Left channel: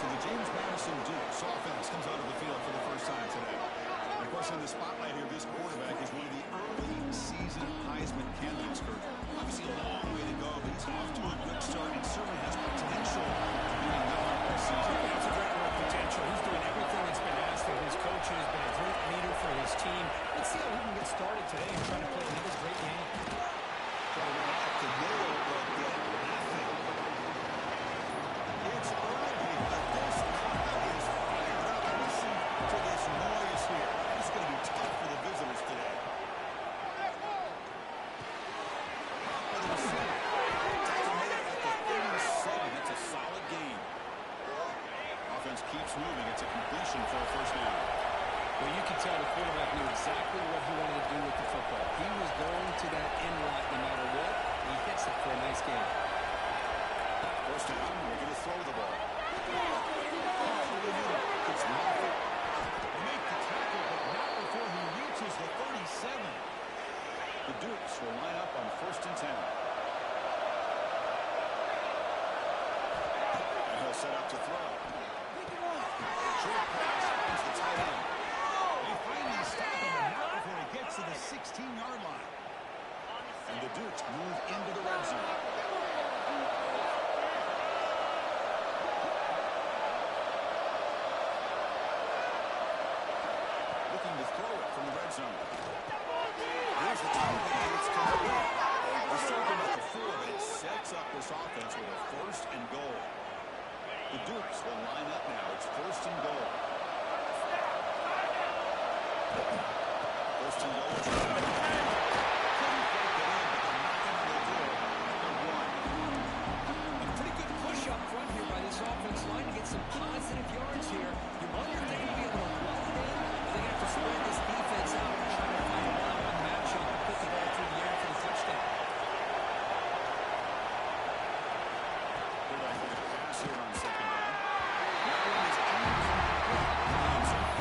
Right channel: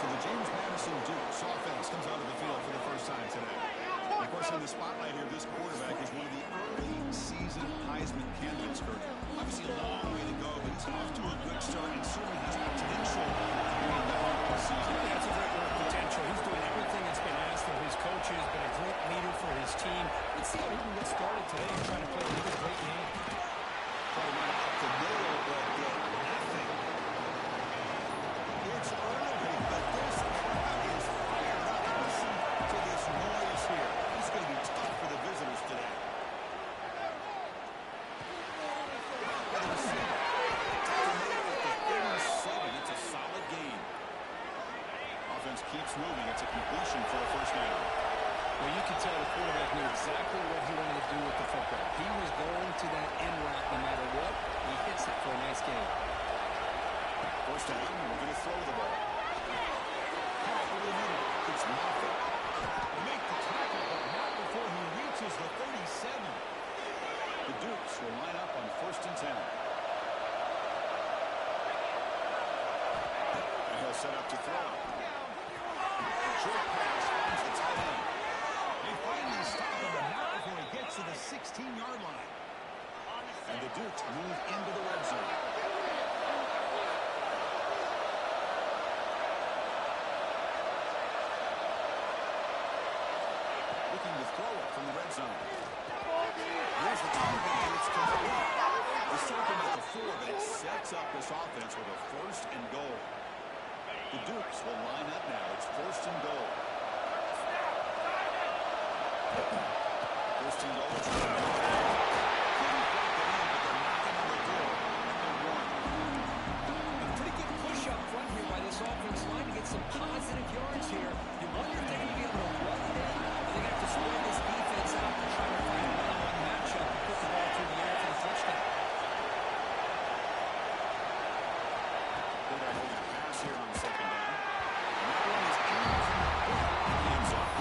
So the James Madison Dukes offense comes onto the field for the first time today. And of course, in the spotlight here, this quarterback is one of the early season Heisman candidates, Kurt. Obviously a long way to go, but he's off to a good start and certainly has potential to be on the all season. Yeah, that's a great word, potential. He's doing everything that's been asked of his coaches, been a great leader for his team. Let's see how he can get started today and try to play another great game. Try to run up the middle, but get nothing. It's early, but this crowd is fired up. Listen to this noise here. This is going to be tough for the visitors today. The receiver. That's a solid gain. Offense keeps moving. It's a completion for a first down. Well, you can tell the quarterback knew exactly what he wanted to do with the football. He was going to that end route no matter what. He hits it for a nice gain. First down, we're going to throw the ball. It's nothing. They make the tackle, but not before he reaches the 37. The Dukes will line up on 1st and 10. And he'll set up to throw. Short pass finds the tight end. They finally stop him, but not before he gets to the 16-yard line. And the Dukes move into the red zone. Looking to throw it from the red zone. Here's the target, and it's complete. We're starting at the 4, but it sets up this offense with a 1st and goal. The Dukes will line up now. It's 1st and goal. 1st and goal. Couldn't break it in, but they're knocking on the door at the 1. A pretty good push up front here by this offense line to get some positive yards here. You wonder if they're going to be able to run it in, or they're going to have to spread this defense out and try to find a one-on-one matchup and put the ball through the air for the touchdown. Quarterback looking to pass here on 2nd down. That one is aimed from in the end zone.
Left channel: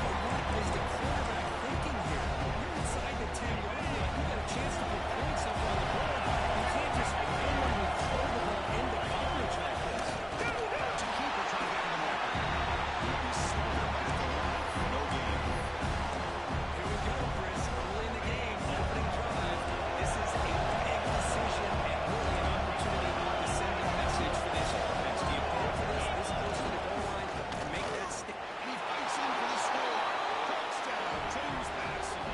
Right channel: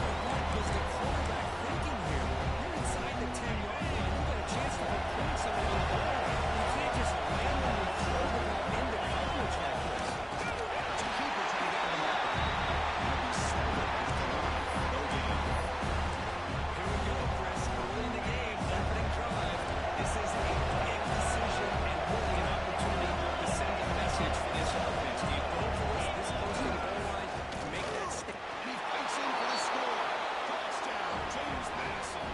But what was the quarterback thinking here? You're inside the 10-yard line. You've got a chance to put points up on the board. You can't just randomly throw the ball into coverage like this. To keeper trying to get him open. He'll be smarter right at the line for no gain. Here we go, Chris. Early in the game, opening drive. This is a big decision and really an opportunity to send a message for this offense. Do you go for this close to the goal line and make that stick? And he fights in for the score. Touchdown, James Madison.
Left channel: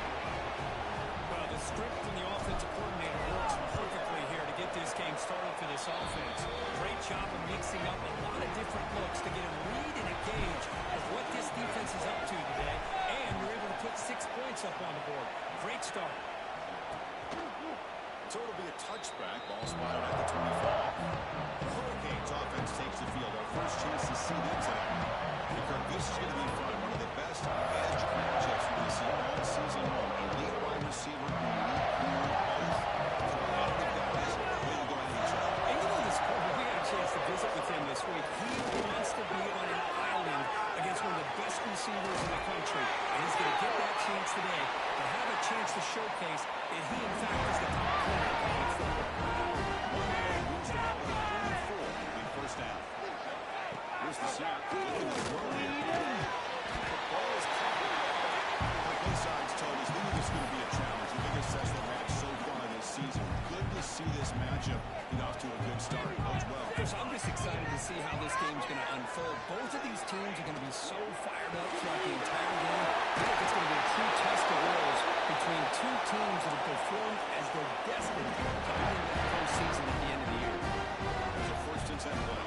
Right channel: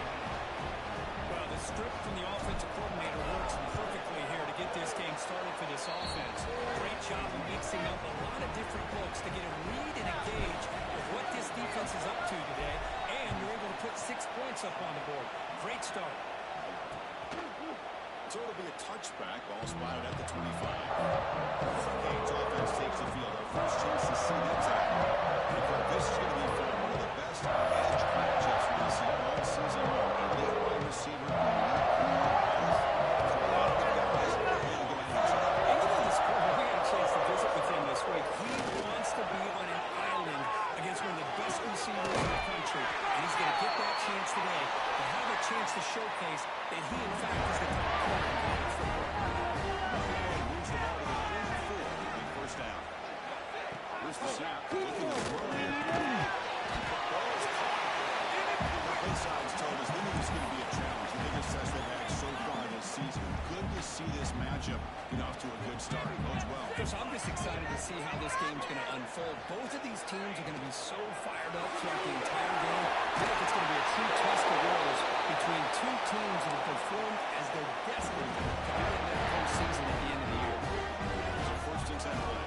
Well, the script from the offensive coordinator works perfectly here to get this game started for this offense. Great job of mixing up a lot of different looks to get a read and a gauge of what this defense is up to today, and you're able to put 6 points up on the board. Great start. So it'll be a touchback. Ball spotted at the 25. Hurricanes offense takes the field. Our first chance to see them today. And this is going to be fun. One of the best edge matchups we've seen all season long. Elite wide receiver, elite corner, both. A lot of good guys ready to go at each other. And you know this corner, we got a chance to visit with him this week. He wants to be on an island against one of the best receivers in the country. And he's going to get that chance today to have a chance to showcase that he, in fact, is the top corner in college football. And moves the ball to the 34. It'll be 1st down. Here's the snap. Looking to throw here. The ball is caught. Both sides told us they knew this was going to be a challenge. The biggest test they've had so far this season. Good to see this matchup get off to a good start. Bodes well. Coach, I'm just excited to see how this game's going to unfold. Both of these teams are going to be so fired up throughout the entire game. I think it's going to be a true test of wills between two teams that have performed as they're destined to be in that postseason at the end of the year. There's a 1st and 10 play.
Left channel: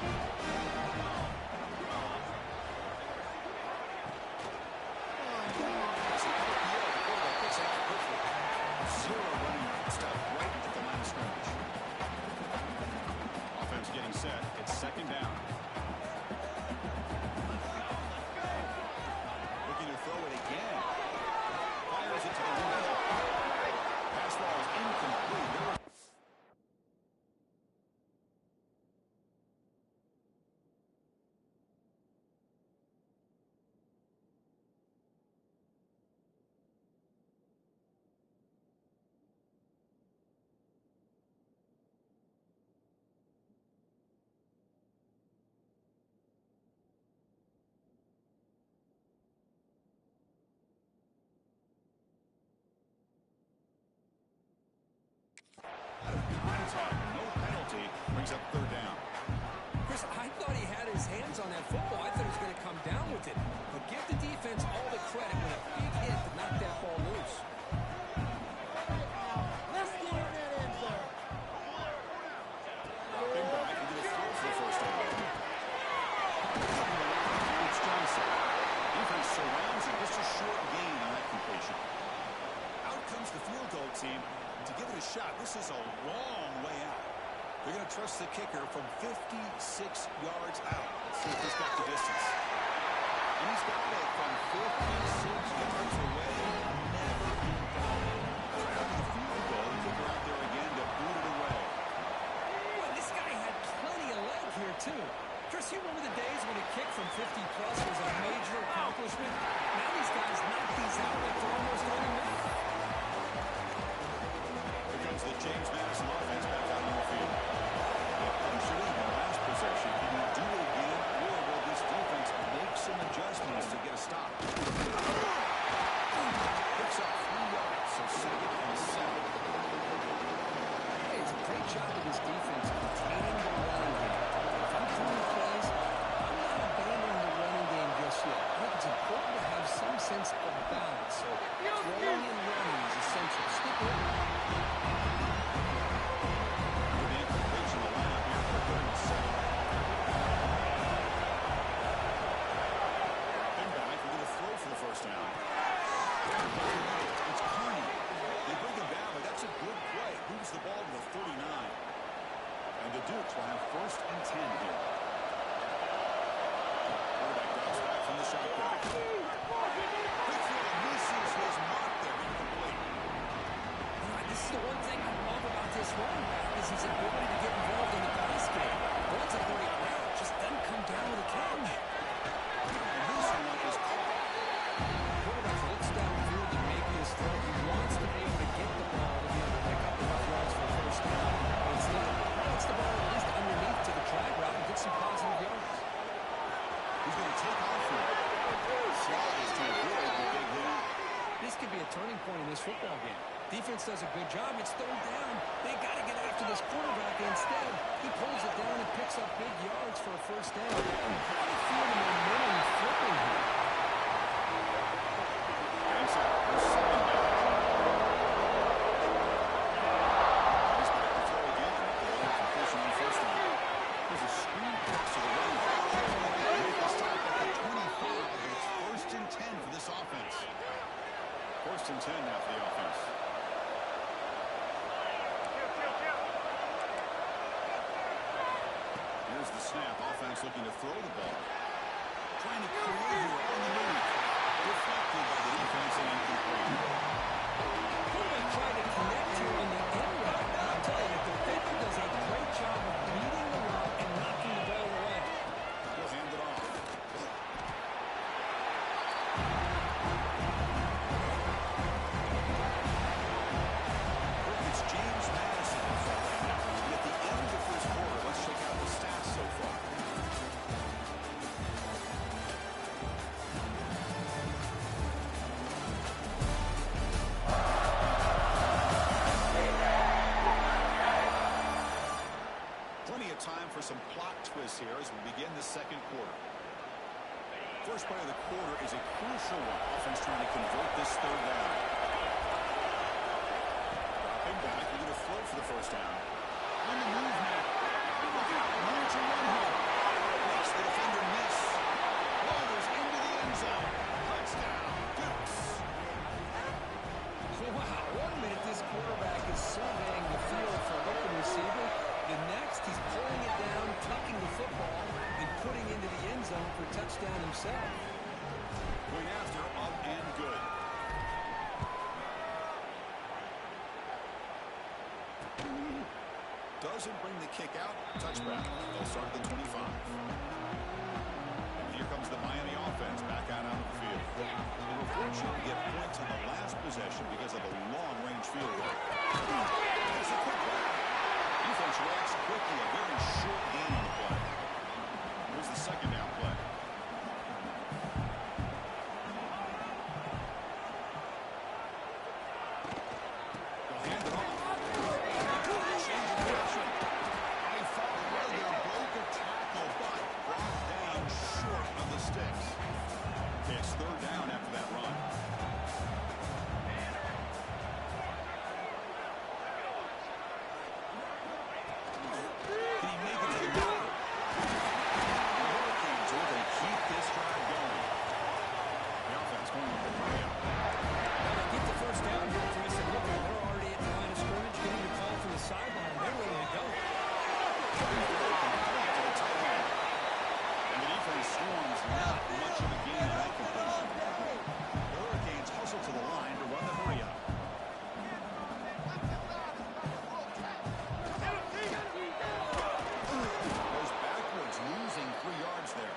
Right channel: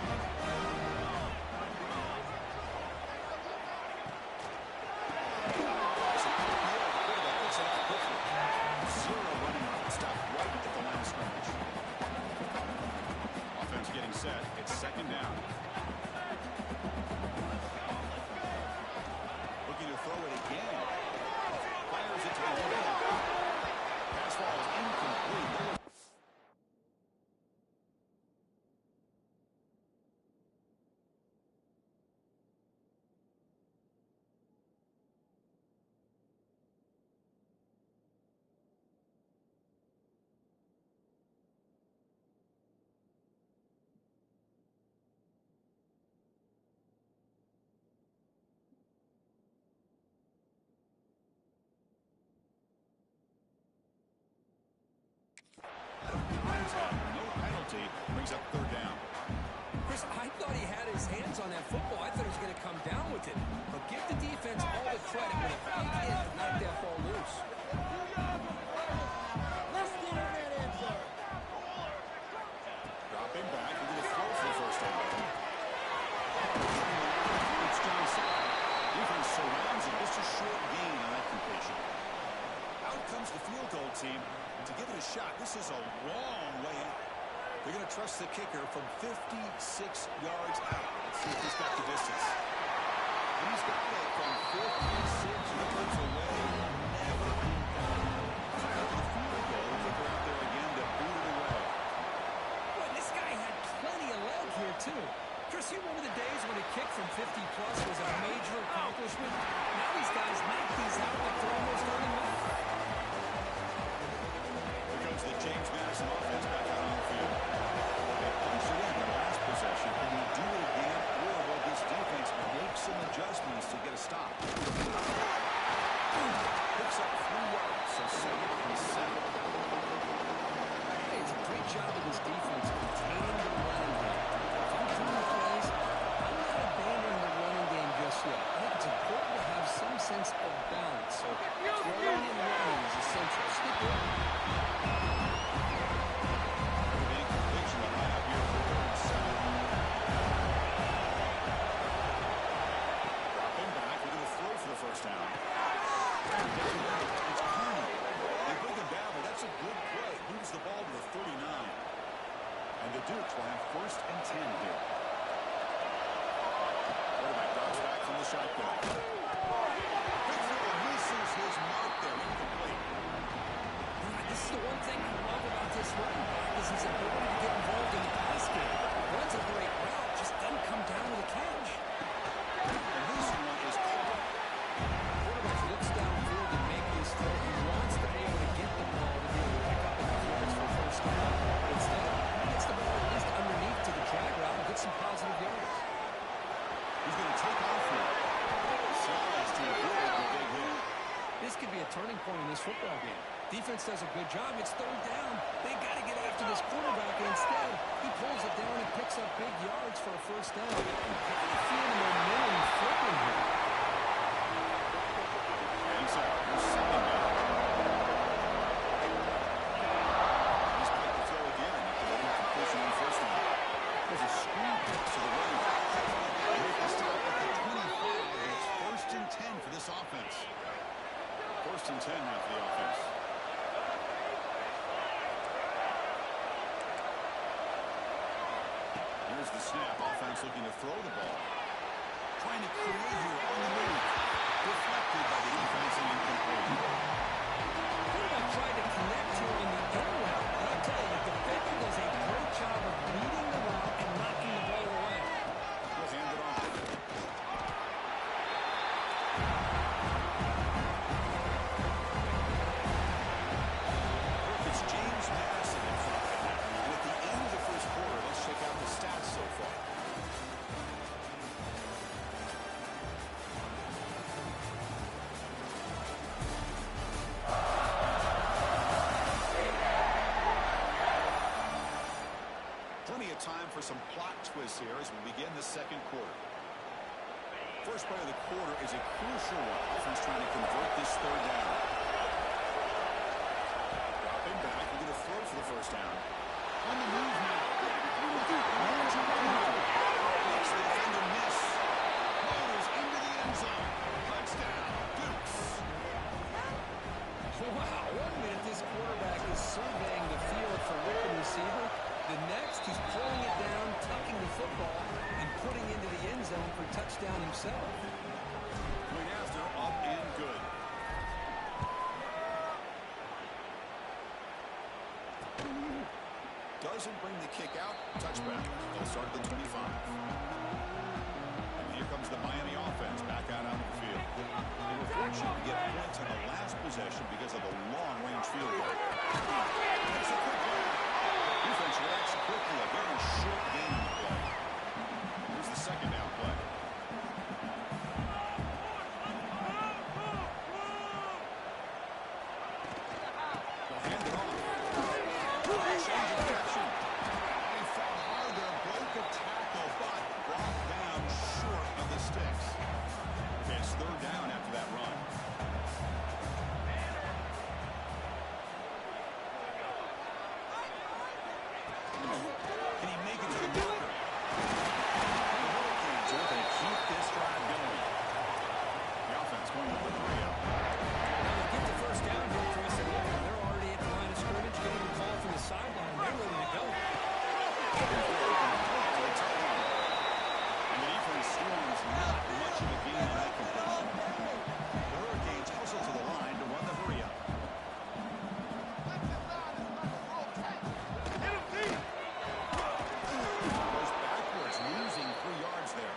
Zero running stop right at the line of scrimmage. Offense getting set. It's 2nd down. Looking to throw it again. Fires it to the middle. Pass ball is incomplete. There was penalty. Brings up third down. Chris, I thought he had his hands on that football. I thought he was going to come down with it. But give the defense all the credit with a big hit to knock that ball loose. Let's get in that end zone. Dropping back into the throw for the first down. It's Johnson. Defense surrounds him. Just a short gain on that completion. Out comes the field goal team to give it a shot. This is a long way out. They're going to trust the kicker from 56 yards out. Let's see if he's got the distance. And he's got it from 56 yards away. Never in doubt. Try out to the field goal. The kicker out there again to boot it away. Boy, this guy had plenty of leg here, too. Chris, you remember the days when a kick from 50-plus was a major accomplishment? Now these guys knock these out like they're almost automatic. Here comes the James Madison offense back out on the field. They punched it in the last possession. Can you do it again, or will this defense make some adjustments to get a stop? Picks up 3 yards, so second and 7. Hey, it's a great job of this defense containing the running game. If I'm calling plays, I'm not abandoning the running game just yet. I think it's important to have some sense of balance. So throwing and running is essential. Stick with it. The incompletion will line up here for third and 7. Dropping back, we're going to throw for the first down. It's Carney. They bring him down, but that's a good play. Moves the ball to the 39. And the Dukes will have first and 10 here. Quarterback drops back from the shotgun. Big throw misses his mark there. Incomplete. This is the one thing I love about this running back is his ability to get involved in the pass game. Runs a great route, just doesn't come down with a catch. And this one is caught. Quarterback looks downfield to make this throw. He wants to be able to get the ball to be able to pick up enough yards for a first down. But instead, he gets the ball at least underneath to the drag route and get some positive yards. He's going to take off here. Slides to avoid the big hit. This could be a turning point in this football game. Defense does a good job. It's third down. They got to get after this quarterback. And instead, he pulls it down and picks up big yards for a first down. I'm kind of feeling the momentum flipping here. And so, we're second down. He's back to throw again after the incompletion on first down. There's a screen pass to the running back. Make the stop at the 25, and it's first and 10 for this offense. First and 10 now for the offense. Here's the snap. Offense looking to throw the ball. Trying to create here on the move. Deflected by the defense and incomplete. Quarterback tried to connect here on the end route. And I'll tell you, the defender does a great job of reading the route and knocking the ball away. He'll hand it off. It's James Madison in front right now. And at the end of the first quarter, let's check out the stats so far. Plenty of time for some plot twists here as we begin the second quarter. First play of the quarter is a crucial one. Offense trying to convert this third down. Dropping back, we're going to throw for the first down. On the move now. Look out, runs a run here. Makes the defender miss. Loaders into the end zone. Touchdown, Dukes. Wow, 1 minute this quarterback is surveying the field for open receiver. The next, he's pulling it down, tucking the football, and putting into the end zone for a touchdown himself. Point after, up and good. Doesn't bring the kick out. Touchback. They'll start at the 25. And here comes the Miami offense back out onto the field. They were fortunate to get points on the last possession because of the long-range field goal. That's a quick grab. Defense reacts quickly. A very short gain on the play. Here's the second down play. They'll hand it off. Change of direction. third down after that run. Can he make it to the marker? The Hurricanes are going to keep this drive going. The offense going with the 3-out. Now they get the first down here, Chris, and look, they're already at the line of scrimmage, getting the call from the sideline. They're ready to go. And the defense swarms not much of a gain on that completion. The Hurricanes hustle to the line to run the hurry up. Goes backwards, losing 3 yards there.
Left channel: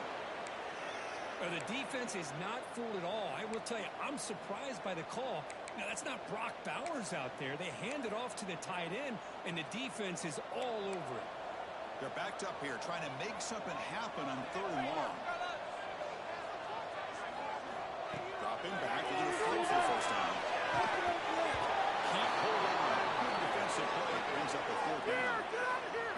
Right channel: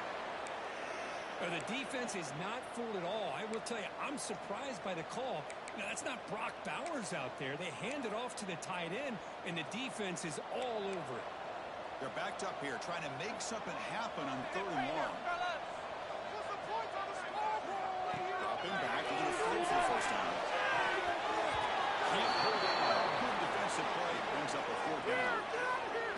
The defense is not fooled at all. I will tell you, I'm surprised by the call. Now, that's not Brock Bowers out there. They hand it off to the tight end, and the defense is all over it. They're backed up here, trying to make something happen on 3rd and long. Dropping back into the field for the first time. Can't hold on. Good defensive play. Brings up a 4th down.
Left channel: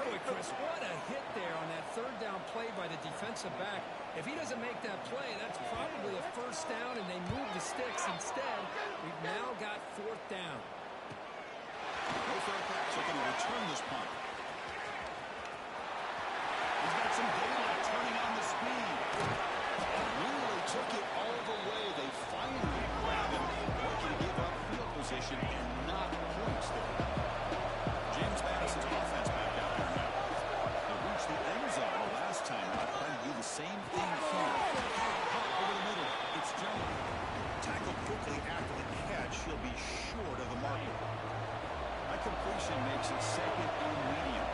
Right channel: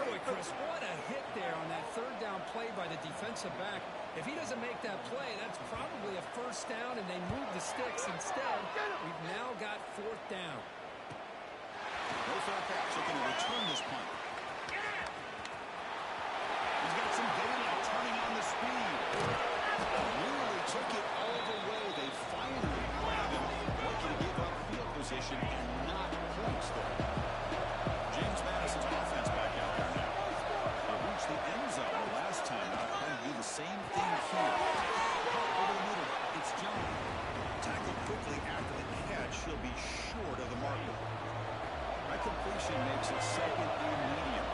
Boy, Chris, what a hit there on that 3rd down play by the defensive back. If he doesn't make that play, that's probably a 1st down, and they move the sticks. Instead, we've now got 4th down. No fair catch. Looking to return this punt. He's got some daylight turning on the speed. Nearly took it all the way. They finally grab him. Looking to give up field position and not points there. James Madison's offense back out there now. They reached the end zone the last time out. Trying to do the same thing here. Over the middle, it's John. Tackled quickly after the catch. He'll be short of the marker. That completion makes it 2nd and medium.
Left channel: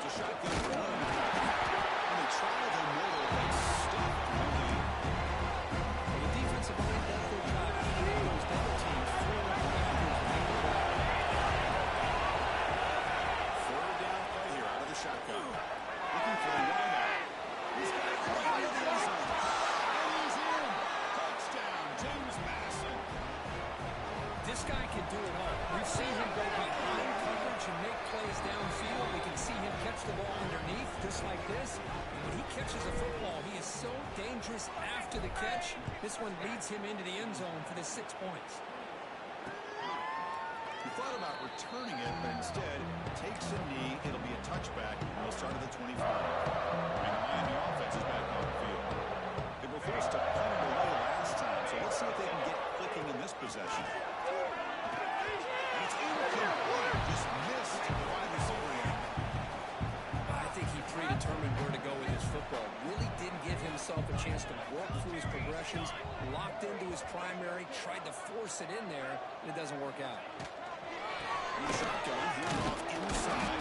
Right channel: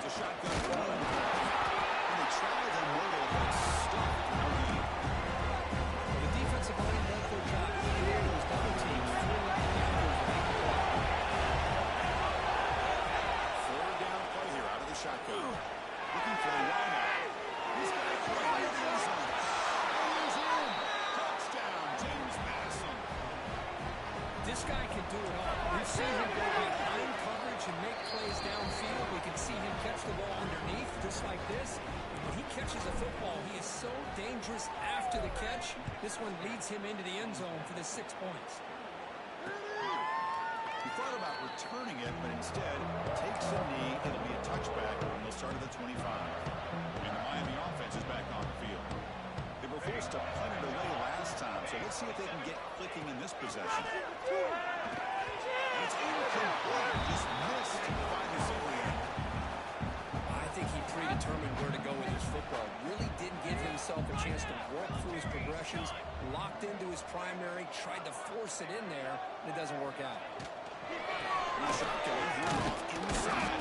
It's a shotgun run. And they try the middle, but stuffed. No gain. Well, the defensive line does their job eating in those double teams, throwing up the backers to make the play. 3rd down play here out of the shotgun. Looking for a wideout. He's got it right in the end zone. And he's in. Touchdown, James Madison. This guy can do it all. We've seen him go behind coverage and make plays downfield. We can see him catch the ball underneath, just like this. And when he catches a football, he is so dangerous after the catch. This one leads him into the end zone for the 6 points. He thought about returning it, but instead takes a knee. It'll be a touchback, and they'll start at the 25. And the Miami offense is back on the field. They were forced to punt it away last time, so let's see if they can get clicking in this possession. And it's incomplete. Just missed the wide receiver there. I think he predetermined where to go with his football. Really didn't give himself a chance to work through his progressions. Locked into his primary, tried to force it in there, and it doesn't work out. Shotgun, hand off inside.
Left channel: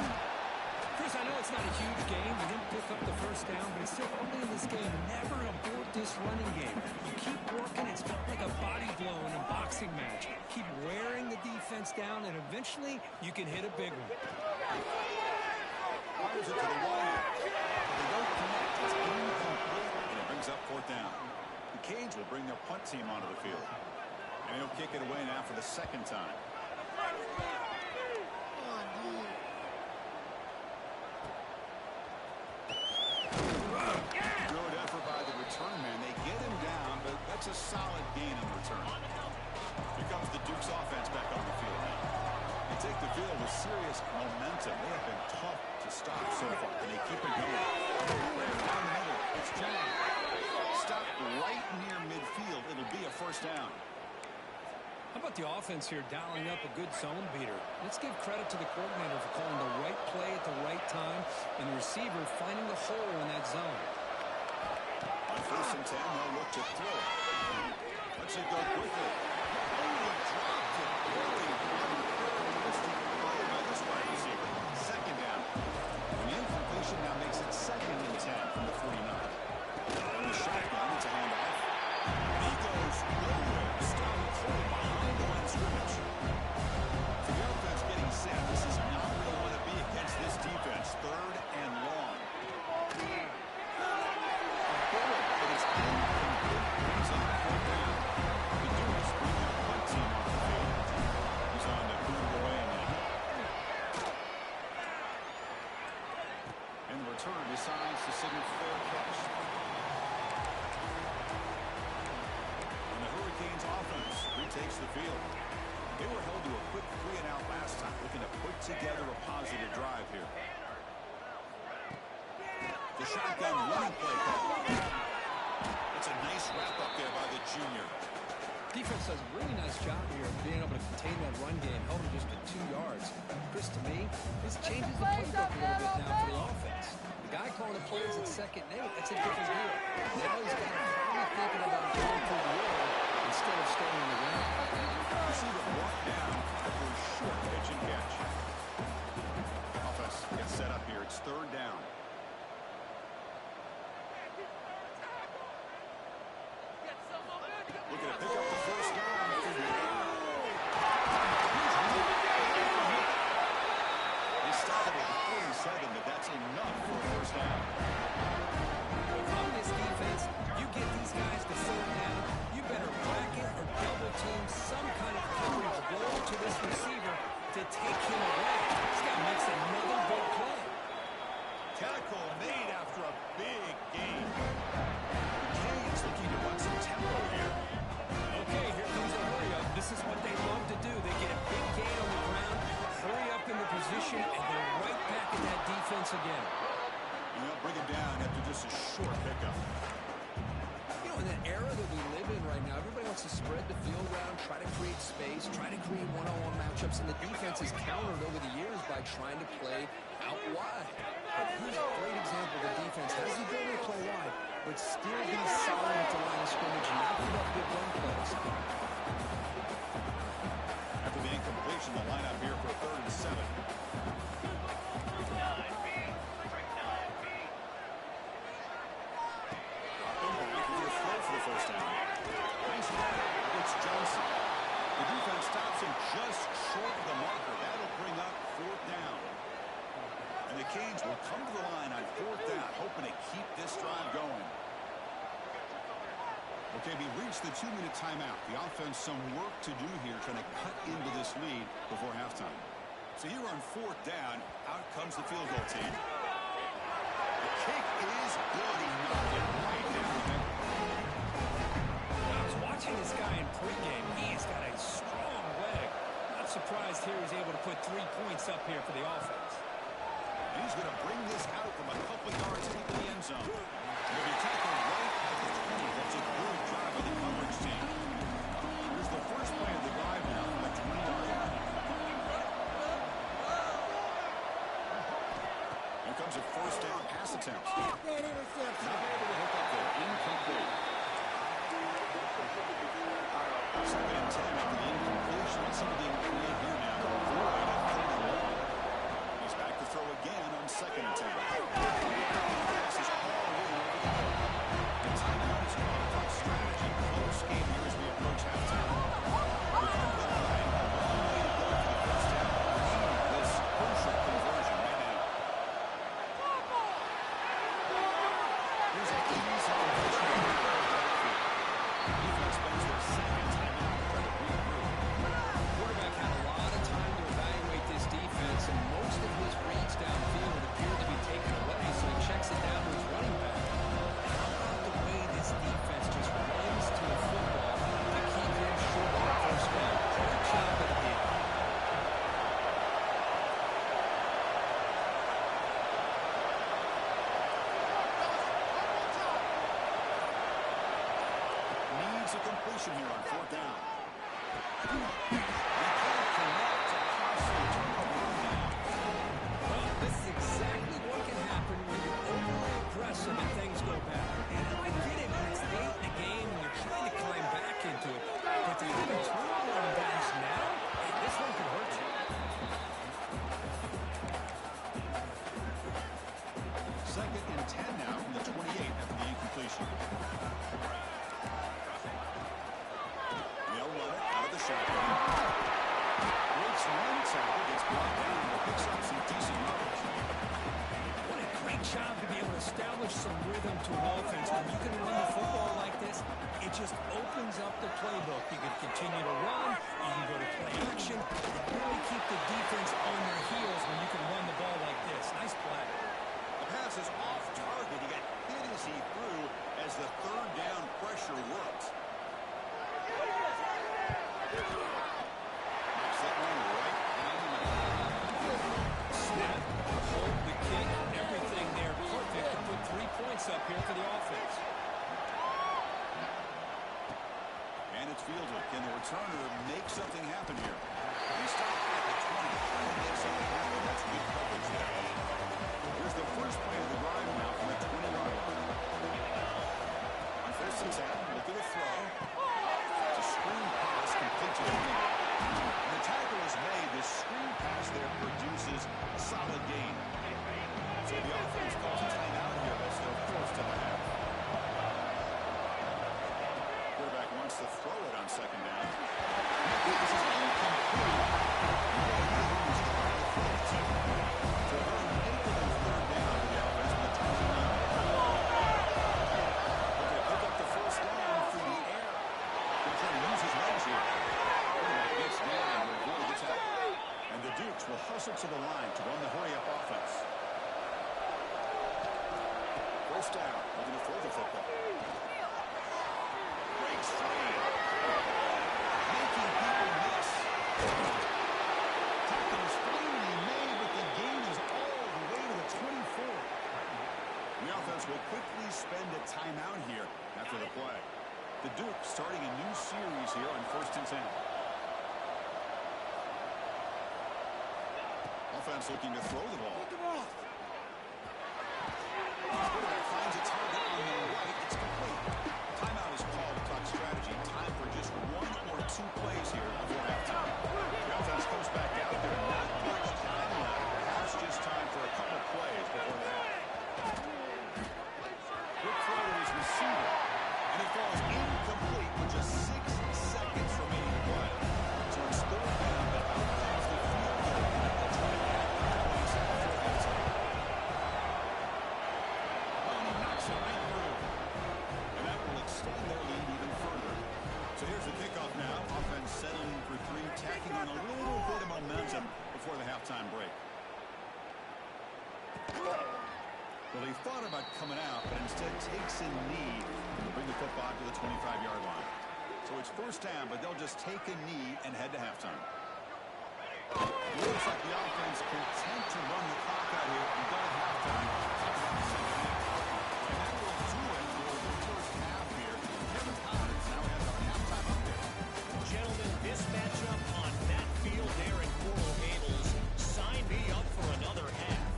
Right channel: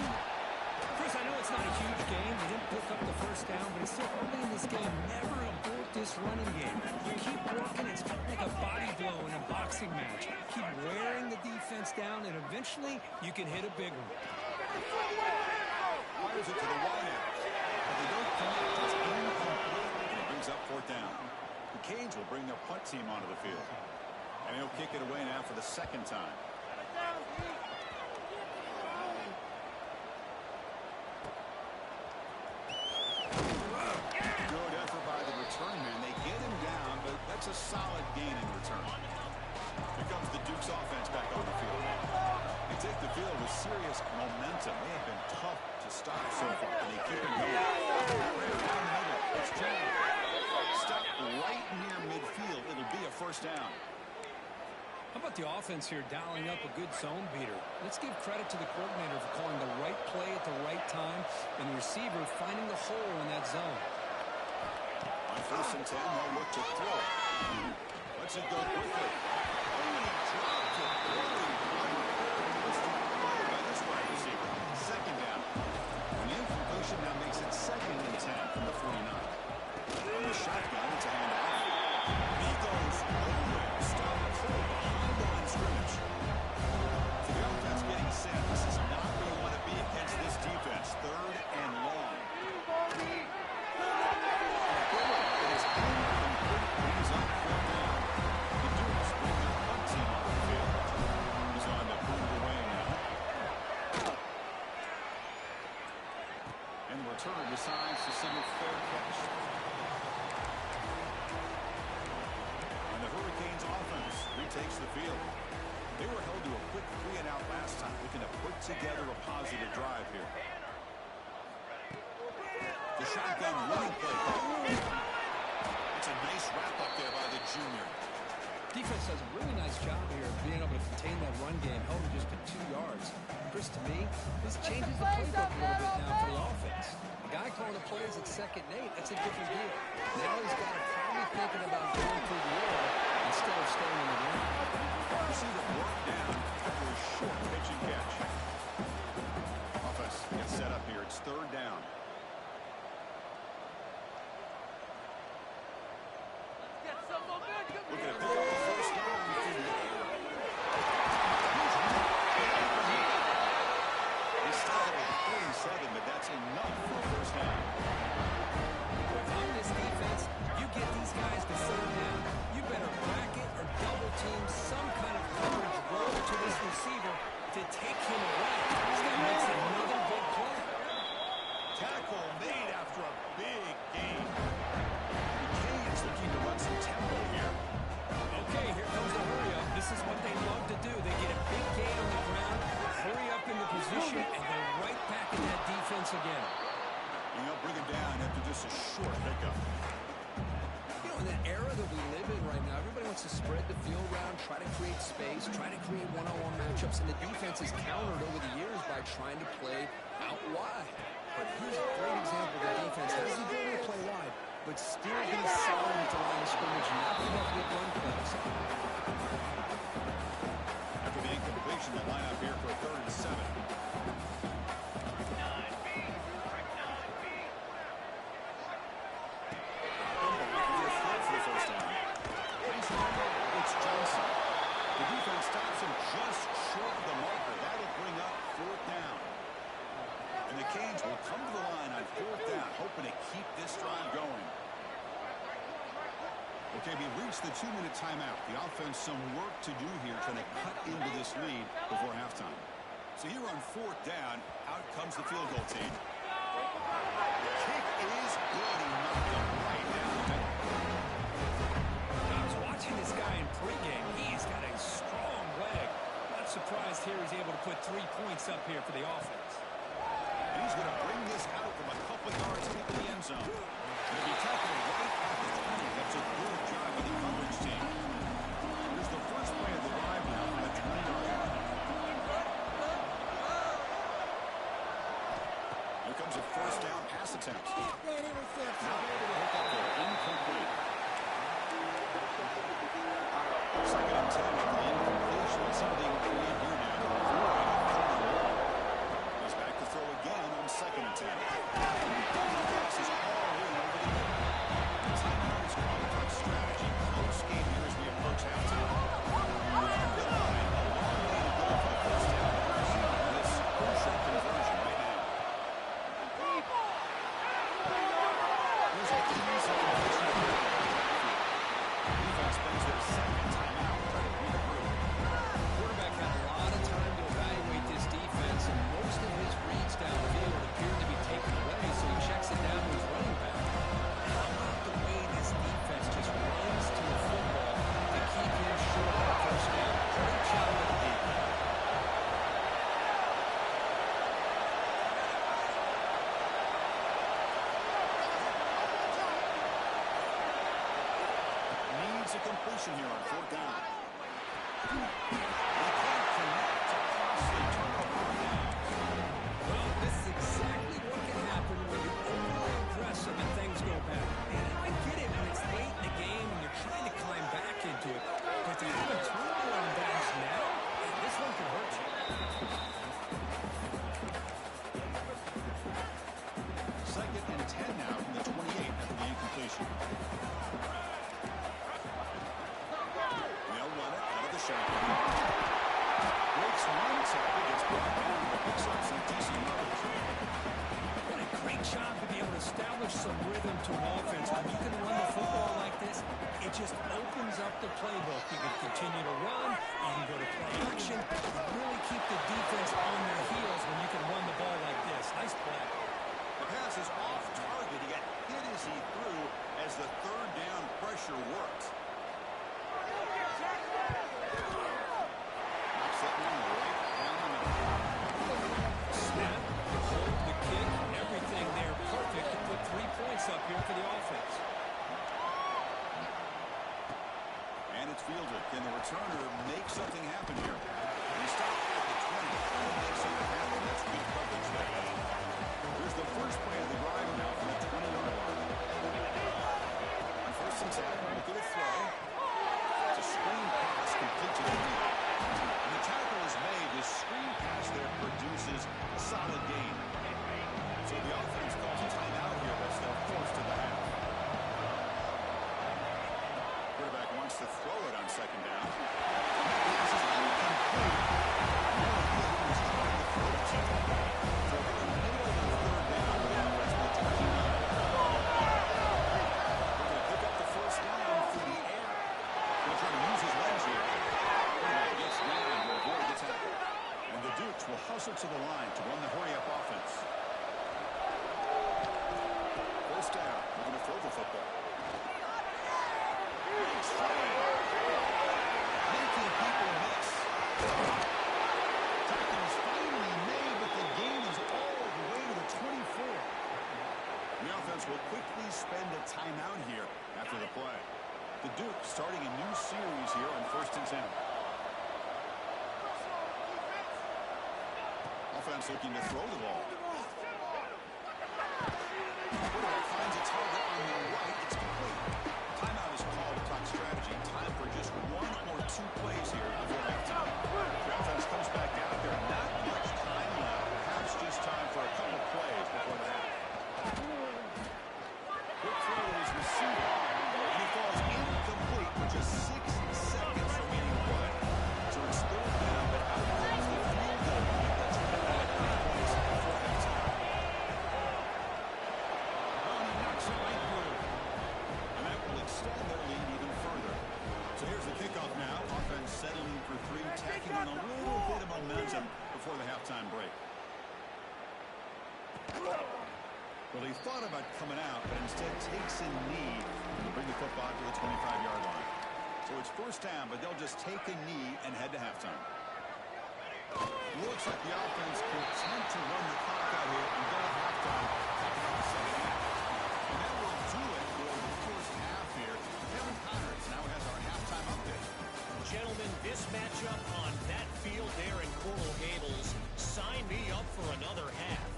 Chris, I know it's not a huge game. You didn't pick up the first down, but it's still early in this game. Never abort this running game. You keep working. It's kind of like a body blow in a boxing match. Keep wearing the defense down, and eventually you can hit a big one. Fires it to the wide, but they don't connect. It's incomplete, and it brings up 4th down. The Canes will bring their punt team onto the field, and he'll kick it away now for the 2nd time. Good effort by the return man. They get him down, but that's a solid gain in return. Here comes the Duke's offense back on the field now. They take the field with serious momentum. They have been tough to stop so far, and they keep it going. Right down the middle, it's John. Stop right near midfield. It'll be a 1st down. How about the offense here dialing up a good zone beater? Let's give credit to the coordinator for calling the right play at the right time and the receiver finding the hole in that zone. On 1st and 10, they'll look to throw it. Let's it go quickly. Only dropped it. Really unfair by this wide receiver. 2nd down. And the incompletion now makes it 2nd and 10 from the 49. On the shotgun, it's a handoff. And he goes nowhere. Stop cold behind the line of scrimmage. So the offense getting set. This is not where you want to be against this defense. 3rd and long. It is incomplete. Brings up 4th down. The Dukes bring their punt team onto the field. He's on to boot it away now. And the return decides to signal fair catch. Canes offense retakes the field. They were held to a quick 3-and-out last time, looking to put together a positive drive here. The shotgun running play. It's a nice wrap-up there by the junior. Defense does a really nice job here of being able to contain that run game, held him just to 2 yards. Chris, to me, this changes the playbook a little bit now for the offense. The guy calling the plays at 2nd and 8, that's a different deal. Now he's got to probably thinking about going through the air instead of staying on the ground. Receiver brought down after a short pitch and catch. Offense gets set up here. It's 3rd down. Looking to pick up the 1st down through the air. He started at 47, but that's enough for a 1st down. On this defense, you get these guys to 3rd down, you better bracket or double team some kind of coverage roll to this receiver to take him away. This guy makes another big play. Tackle made after a big gain. The Canes looking to run some tempo here. Okay, here comes the hurry up. This is what they love to do. They get a big gain on the ground, hurry up into position, and they're right back in that defense again. You know, bring it down after just a short pickup. You know, in that era that we live in right now, everybody wants to spread the field around, try to create space, try to create one-on-one matchups, and the defense is countered over the years by trying to play out wide. But here's a great example of the defense has the ability to play wide, but still be solid at the line of scrimmage and not give up big run plays. After the incompletion, the lineup here for a 3rd and 7. It's Johnson. The defense stops him just short of the marker. That'll bring up 4th down. And the Canes will come to the line on 4th down, hoping to keep this drive going. Okay, we reached the 2-minute timeout. The offense some work to do here, trying to cut into this lead before halftime. So here on 4th down, out comes the field goal team. The kick is good. He knocked it right down the middle. I was watching this guy in pregame. He's got a strong leg. Not surprised here he's able to put 3 points up here for the offense. And he's going to bring this out from a couple yards into the end zone. It'll be tackled right at the 20. That's a good job of the coverage team. Here's the first play of the drive now from the 20-yard line. Here comes a 1st down pass attempt. That interception. Not able to hook up there. Incomplete. 2nd and 10 after the incompletion. Let's see what they can create here now. Avoid a 3rd and long. He's back to throw again on 2nd and 10. Pass is all in over the middle. The timeout is called. Talk strategy. Close game here as we approach halftime. We'll come to the line. A long way to go for the 1st down. We need this crucial conversion right now. Here's a easy conversion. Defense spends their 2nd timeout to try to regroup. Quarterback had a lot of time to evaluate this defense, and most of his reads downfield appeared to be taken away, so he checks it down to his running back. How about the way this defense just runs to the football to keep him short of the 1st down? Great job of the game. Needs a completion here on 4th down. They can't connect. A costly turnover on down. Well, this is exactly what can happen when you're overly aggressive and things go bad. And I get it when it's late in the game and you're trying to climb back into it. But to have a turnover on downs now, this one could hurt you. 2nd and 10 now from the 28 after the incompletion. They'll run it out of the shotgun. Breaks one tackle, gets brought down, but picks up some decent yardage. What a great job to be able to establish some rhythm to an offense. When you can run the football like this, it just opens up the playbook. You can continue to run, you can go to play action, really keep the defense on their heels when you can run the ball like this. Nice play. The pass is off target. He got hit as he threw as the 3rd down pressure worked. points up here for the offense. And it's fielded. Can the returner make something happen here? They stop at the 20. Trying to make something happen. That's good coverage there. Here's the first play of the drive now from the 20-yard line. On first and 10, look at the throw. It's a screen pass complete to the right. And the tackle is made. This screen pass there produces a solid gain. So the offense calls a timeout here as they're forced to the half. Quarterback wants to throw it on second down. That pass is incomplete. No idea who was trying to throw it to. So a very manipulative third down with the offense from the 29. Looking to pick up the first down through the air. Going to try to use his legs here. Quarterback gets down to avoid the tackle. And the Dukes will hustle to the line to run the hurry-up offense. First down. Looking to throw the football. Breaks free. Making people miss. Tackle is finally made, but the gain is all the way to the 24. The offense will quickly spend a timeout here after the play. The Dukes starting a new series here on first and 10. Offense looking to throw the ball. Quarterback finds a target on the right. It's complete. Timeout is called to talk strategy. Time for just one or two plays here before halftime. The offense comes back out there. Not much time left. Perhaps just time for a couple plays before the half. Quick throw to his receiver. And he falls incomplete with just 6 seconds remaining to play. So it's third down, but out comes the field goal unit. They'll try to add 3 points before halftime. It right through. And that will extend their lead even further. So here's the kickoff now. Offense settling for 3, tacking on a little bit of momentum before the halftime break. Well, he thought about coming out, but instead takes a knee to bring the football to the 25-yard line. So it's first down, but they'll just take a knee and head to halftime. Looks like the offense content to run the clock out here and go to halftime. Talk about the second half. And that will do it for the first half here. Kevin Connors now has our halftime update. Gentlemen, this matchup on that field there in Coral Gables, sign me up for another half.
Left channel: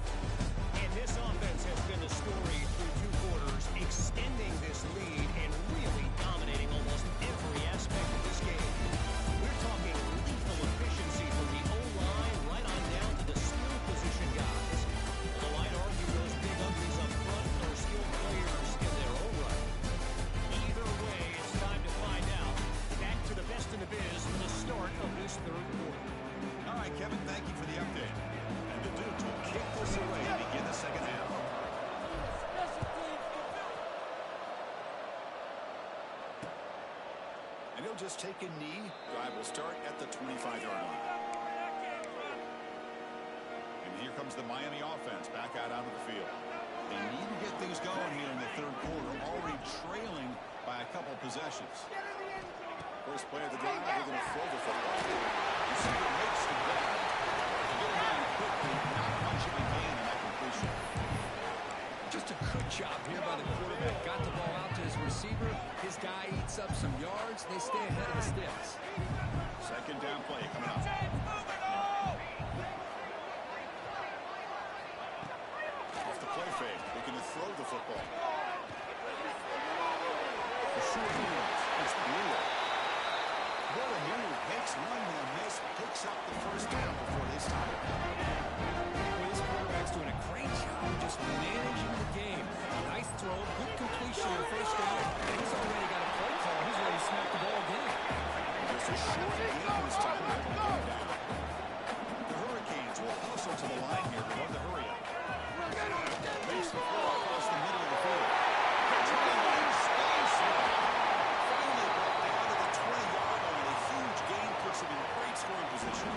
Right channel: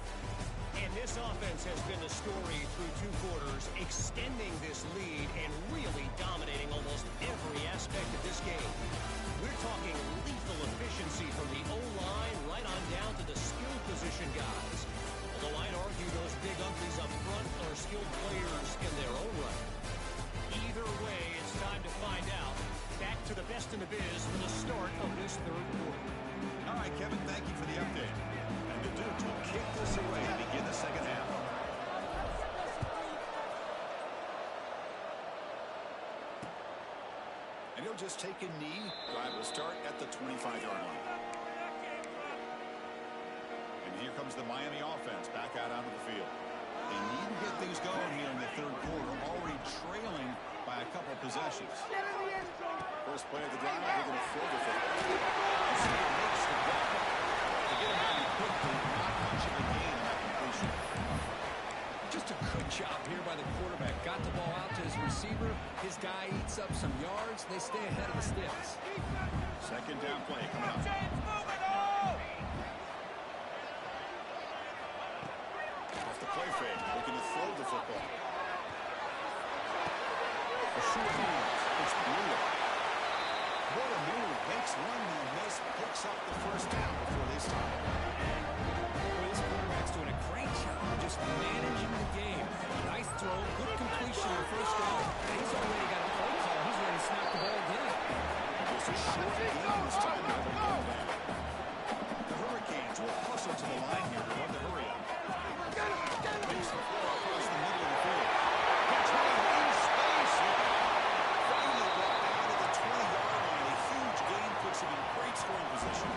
And this offense has been the story through 2 quarters, extending this lead and really dominating almost every aspect of this game. We're talking lethal efficiency from the O-line right on down to the skill position guys. Although I'd argue those big uglies up front are skilled players in their own right. Either way, it's time to find out. Back to the best in the biz for the start of this third quarter. All right, Kevin, thank you for the update. And the Dukes will kick this away to begin the second half. And he'll just take a knee. Drive will start at the 25-yard line. And here comes the Miami offense back out onto the field. They need to get things going here in the third quarter, already trailing by a couple possessions. First play of the drive, they're going to throw the football. Receiver makes the grab. To get him down quickly, not much of a gain on that completion. Just a good job here by the quarterback. Got the ball out to his receiver. His guy eats up some yards. They stay ahead of the sticks. Second down play coming up. Off the play fake, looking to throw the football. For sure hands, it's Brewer. What a move. Makes one man miss, picks up the first down before they stop it. Well, this quarterback's doing a great job of just managing the game. Nice throw, good completion on first down. And he's already got a play call. He's ready to snap the ball again. Just a short game this time. They're able to get him down. The Hurricanes will hustle to the line here to run the hurry up. Makes the throw across the middle of the field. Controlled in space. Finally brought down to the 20-yard line. A huge gain puts him in great scoring position.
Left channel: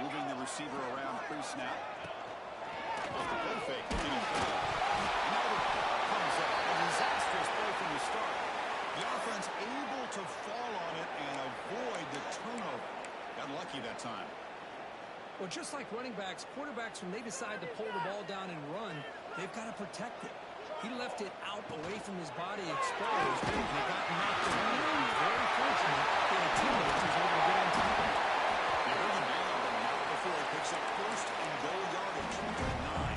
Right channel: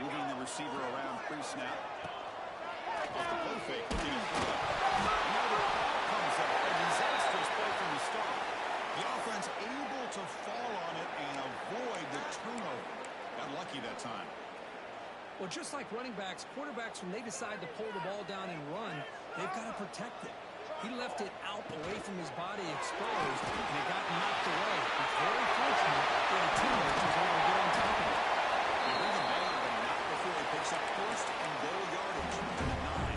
Moving the receiver around pre-snap. Off the play fake. Looking at throw. Now the ball comes up. A disastrous play from the start. The offense able to fall on it and avoid the turnover. Got lucky that time. Well, just like running backs, quarterbacks, when they decide to pull the ball down and run, they've got to protect it. He left it out away from his body exposed, and it got knocked away. He's very fortunate that a teammate was able to get on top of it. They bring him down, but not before he picks up first and goal yardage to the 9.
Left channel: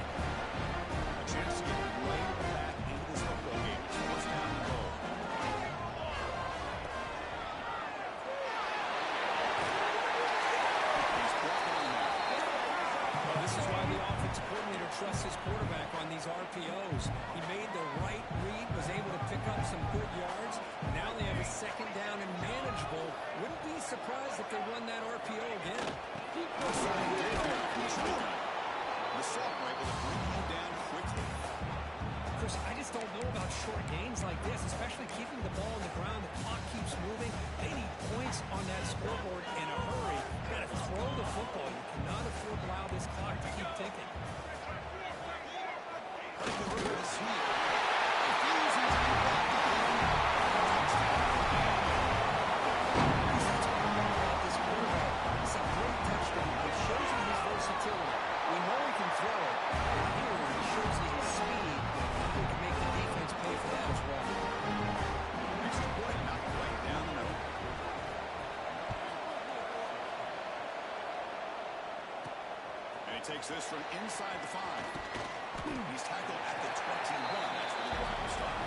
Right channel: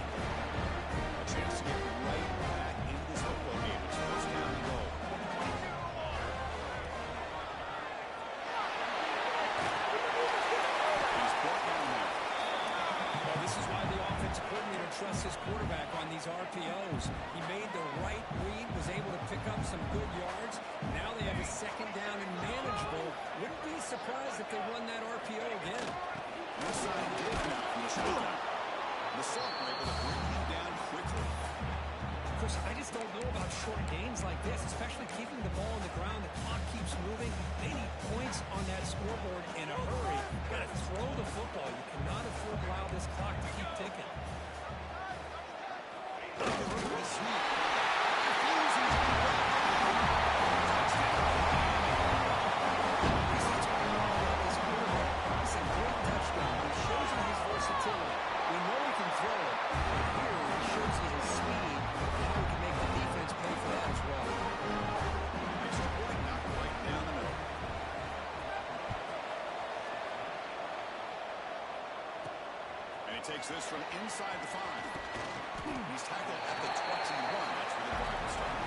A chance to get right back into this football game. It's first down and goal. He's brought down there. Well, this is why the offensive coordinator trusts his quarterback on these RPOs. He made the right read, was able to pick up some good yards. Now they have a second down and manageable. Wouldn't be surprised if they run that RPO again. Left side dig now from the shotgun. The Salt were able to bring him down quickly. Chris, I just don't know about short gains like this, especially keeping the ball on the ground. The clock keeps moving. They need points on that scoreboard in a hurry. You got to throw the football. You cannot afford to allow this clock to keep ticking. Looking over the sweep. Refuses to be brought down. Touchdown, Miami. Chris, that's what I love about this quarterback. It's a great touchdown. It shows you his versatility. We know he can throw it, but here he shows you his speed and how he can make the defense pay for that as well. Extra point knocked right down the middle. And he takes this from inside the 5. He's tackled at the 21. That's where the drive will start.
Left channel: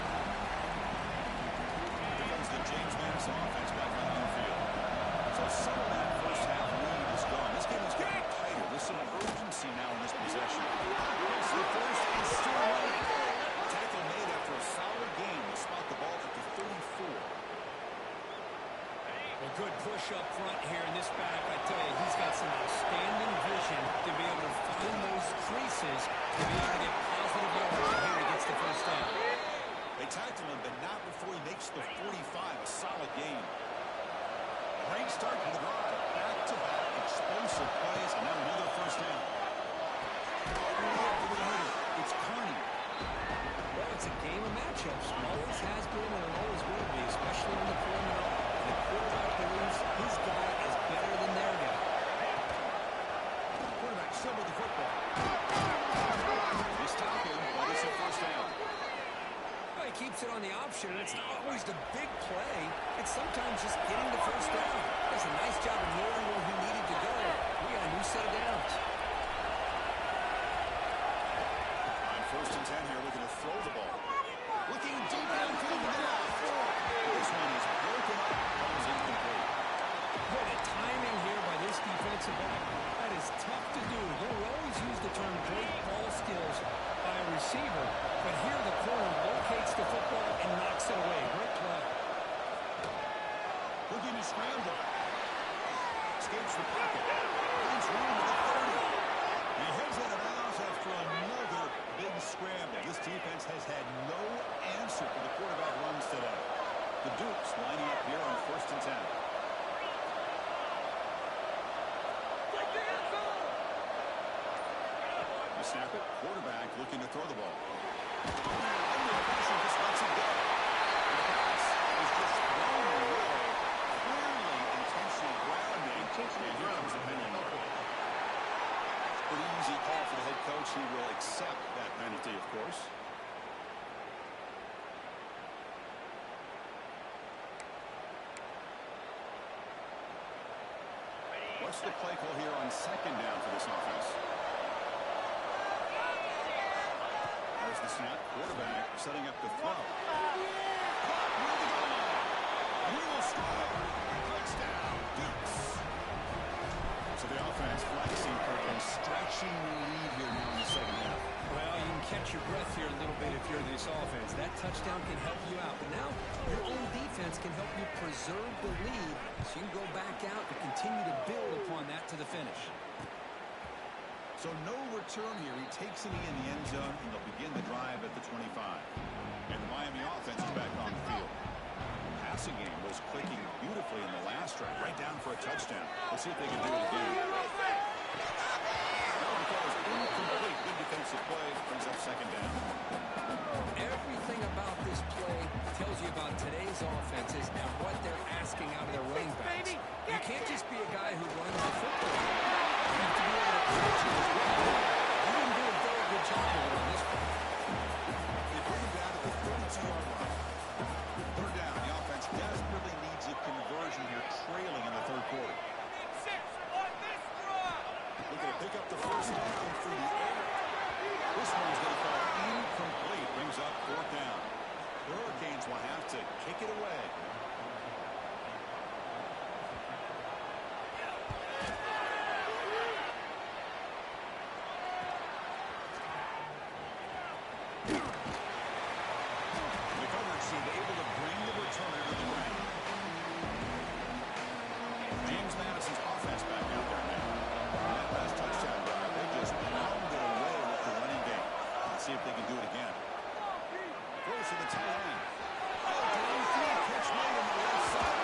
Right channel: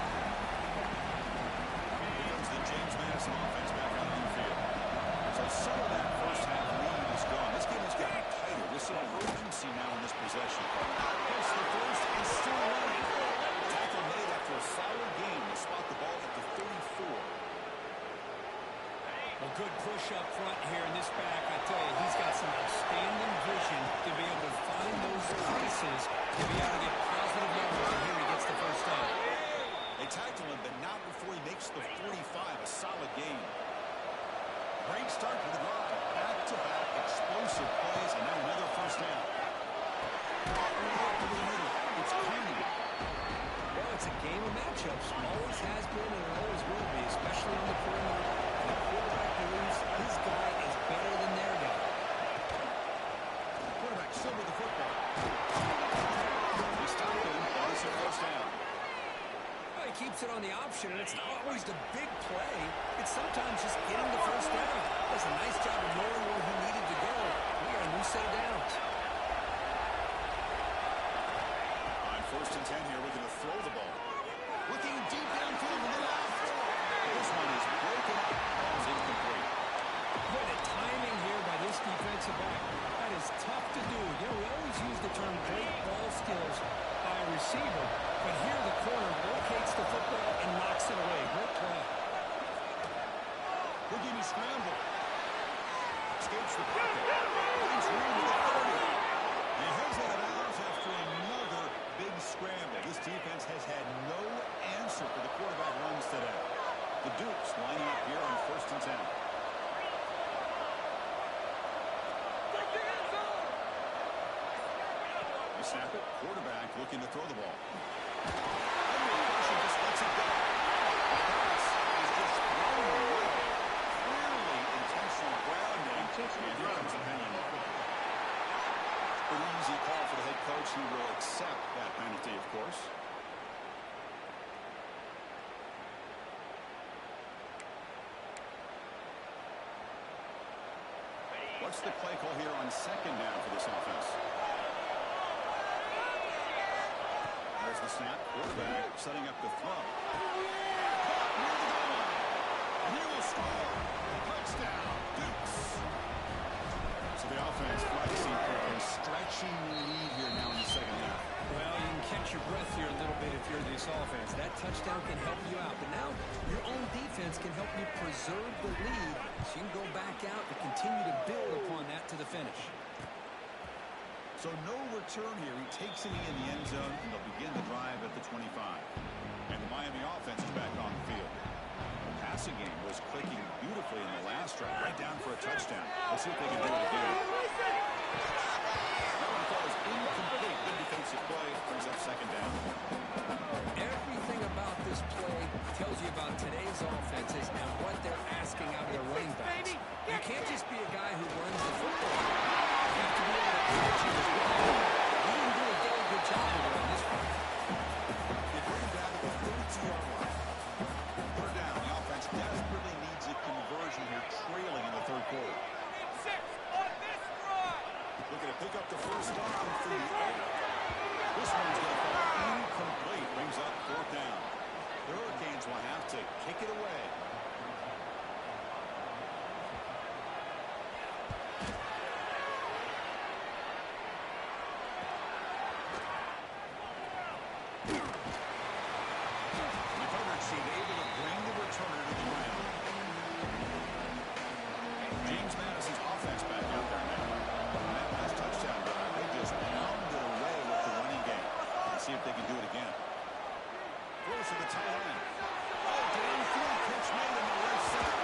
Here comes the James Madison offense back out on the field. So some of that first half lead is gone. This game has gotten tighter. There's some urgency now in this possession. Yes, the first is still running. Tackle made after a solid game to spot the ball at the 34. Well, good push up front here in this back. I tell you, he's got some outstanding vision to be able to find those creases to be able to get positive yards. And here he gets the first down. They tackle him, but not before he makes the 45. A solid game. Great start to the drive. Back-to-back explosive plays, and now another first down. Over the middle. It's Carney. Well, it's a game of matchups. Always has been and it always will be, especially on the perimeter. And the quarterback believes his guy is better than their guy. Quarterback still with the football. They stop him, but it's a first down. Well, he keeps it on the option, and it's not always the big play. It's sometimes just getting the first down. Does a nice job of knowing where he needed to go. We got a new set of downs. On first and 10 here, looking to throw the ball. Looking deep downfield to the left. This one is broken up. Ball's incomplete. Boy, the timing here by this defensive back, that is tough to do. You know, we always use the term great ball skills by a receiver, but here the corner locates the football and knocks it away. Great play. Looking to scramble. Escapes the pocket. Finds room to the 30. He heads out of bounds after another big scramble. This defense has had no answer for the quarterback runs today. The Dukes lining up here on first and 10. They snap it. Quarterback looking to throw the ball. Under pressure, just lets it go. The pass is just thrown away. Clearly intentional grounding. And here comes the penalty mark. Pretty easy call for the head coach. He will accept that penalty, of course. What's the play call here on second down for this offense? There's the snap. Quarterback setting up the throw. Caught near the goal line. And he will score. Touchdown, Dukes. So the offense flexing for a stretching lead here now in the second half. Well, you can catch your breath here a little bit if you're this offense. That touchdown can help you out. But now your own defense can help you preserve the lead so you can go back out and continue to build upon that to the finish. So no return here. He takes it in the end zone, and they'll begin the drive at the 25. And the Miami offense is back on the field. The passing game was clicking beautifully in the last drive, right down for a touchdown. Let's see if they can do it again. That one falls incomplete. Good defensive explosive play. Brings up second down. Everything about this play tells you about today's offenses and what they're asking out of their running backs. You can't just be a guy who runs the football. You have to be able to catch it as well. You didn't do a very good job of it on this one. You bring him down to the 32-yard line. Third down. The offense desperately needs a conversion here, trailing in the third quarter. Looking to pick up the first down through the air. This one's going to fall incomplete. Brings up fourth down. The Hurricanes will have to kick it away. The coverage seemed able to bring the returner to the ground. James Madison's offense back out there now. On that last touchdown drive, they just pounded away with the running game. Let's see if they can do it again. Throws to the tight end. Oh, downfield pitch made on the left side.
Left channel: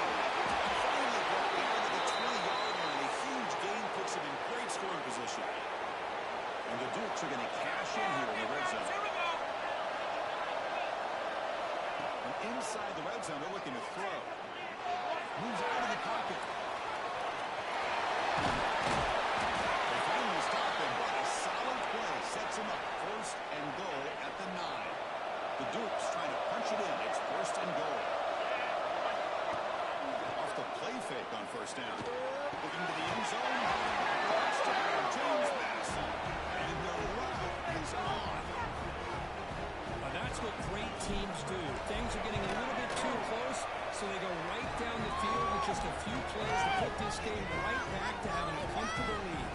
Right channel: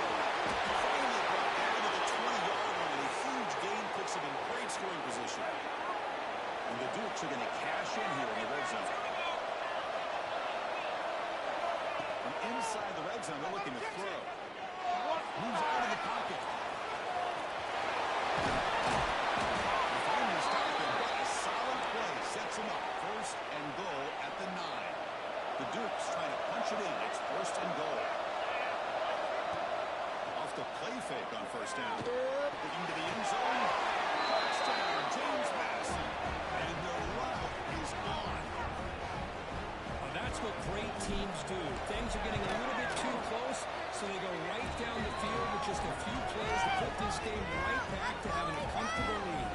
Finally brought down to the 20-yard line. A huge gain puts him in great scoring position. And the Dukes are going to cash in here in the red zone. From inside the red zone, they're looking to throw. Moves out of the pocket. They finally stop him, but a solid play sets him up. First and goal at the 9. The Dukes trying to punch it in. It's first and goal. Off the play fake on first down. Looking to the end zone. Touchdown, James Madison. And the route is on. That's what great teams do. Things are getting a little bit too close, so they go right down the field with just a few plays to put this game right back to having a comfortable lead.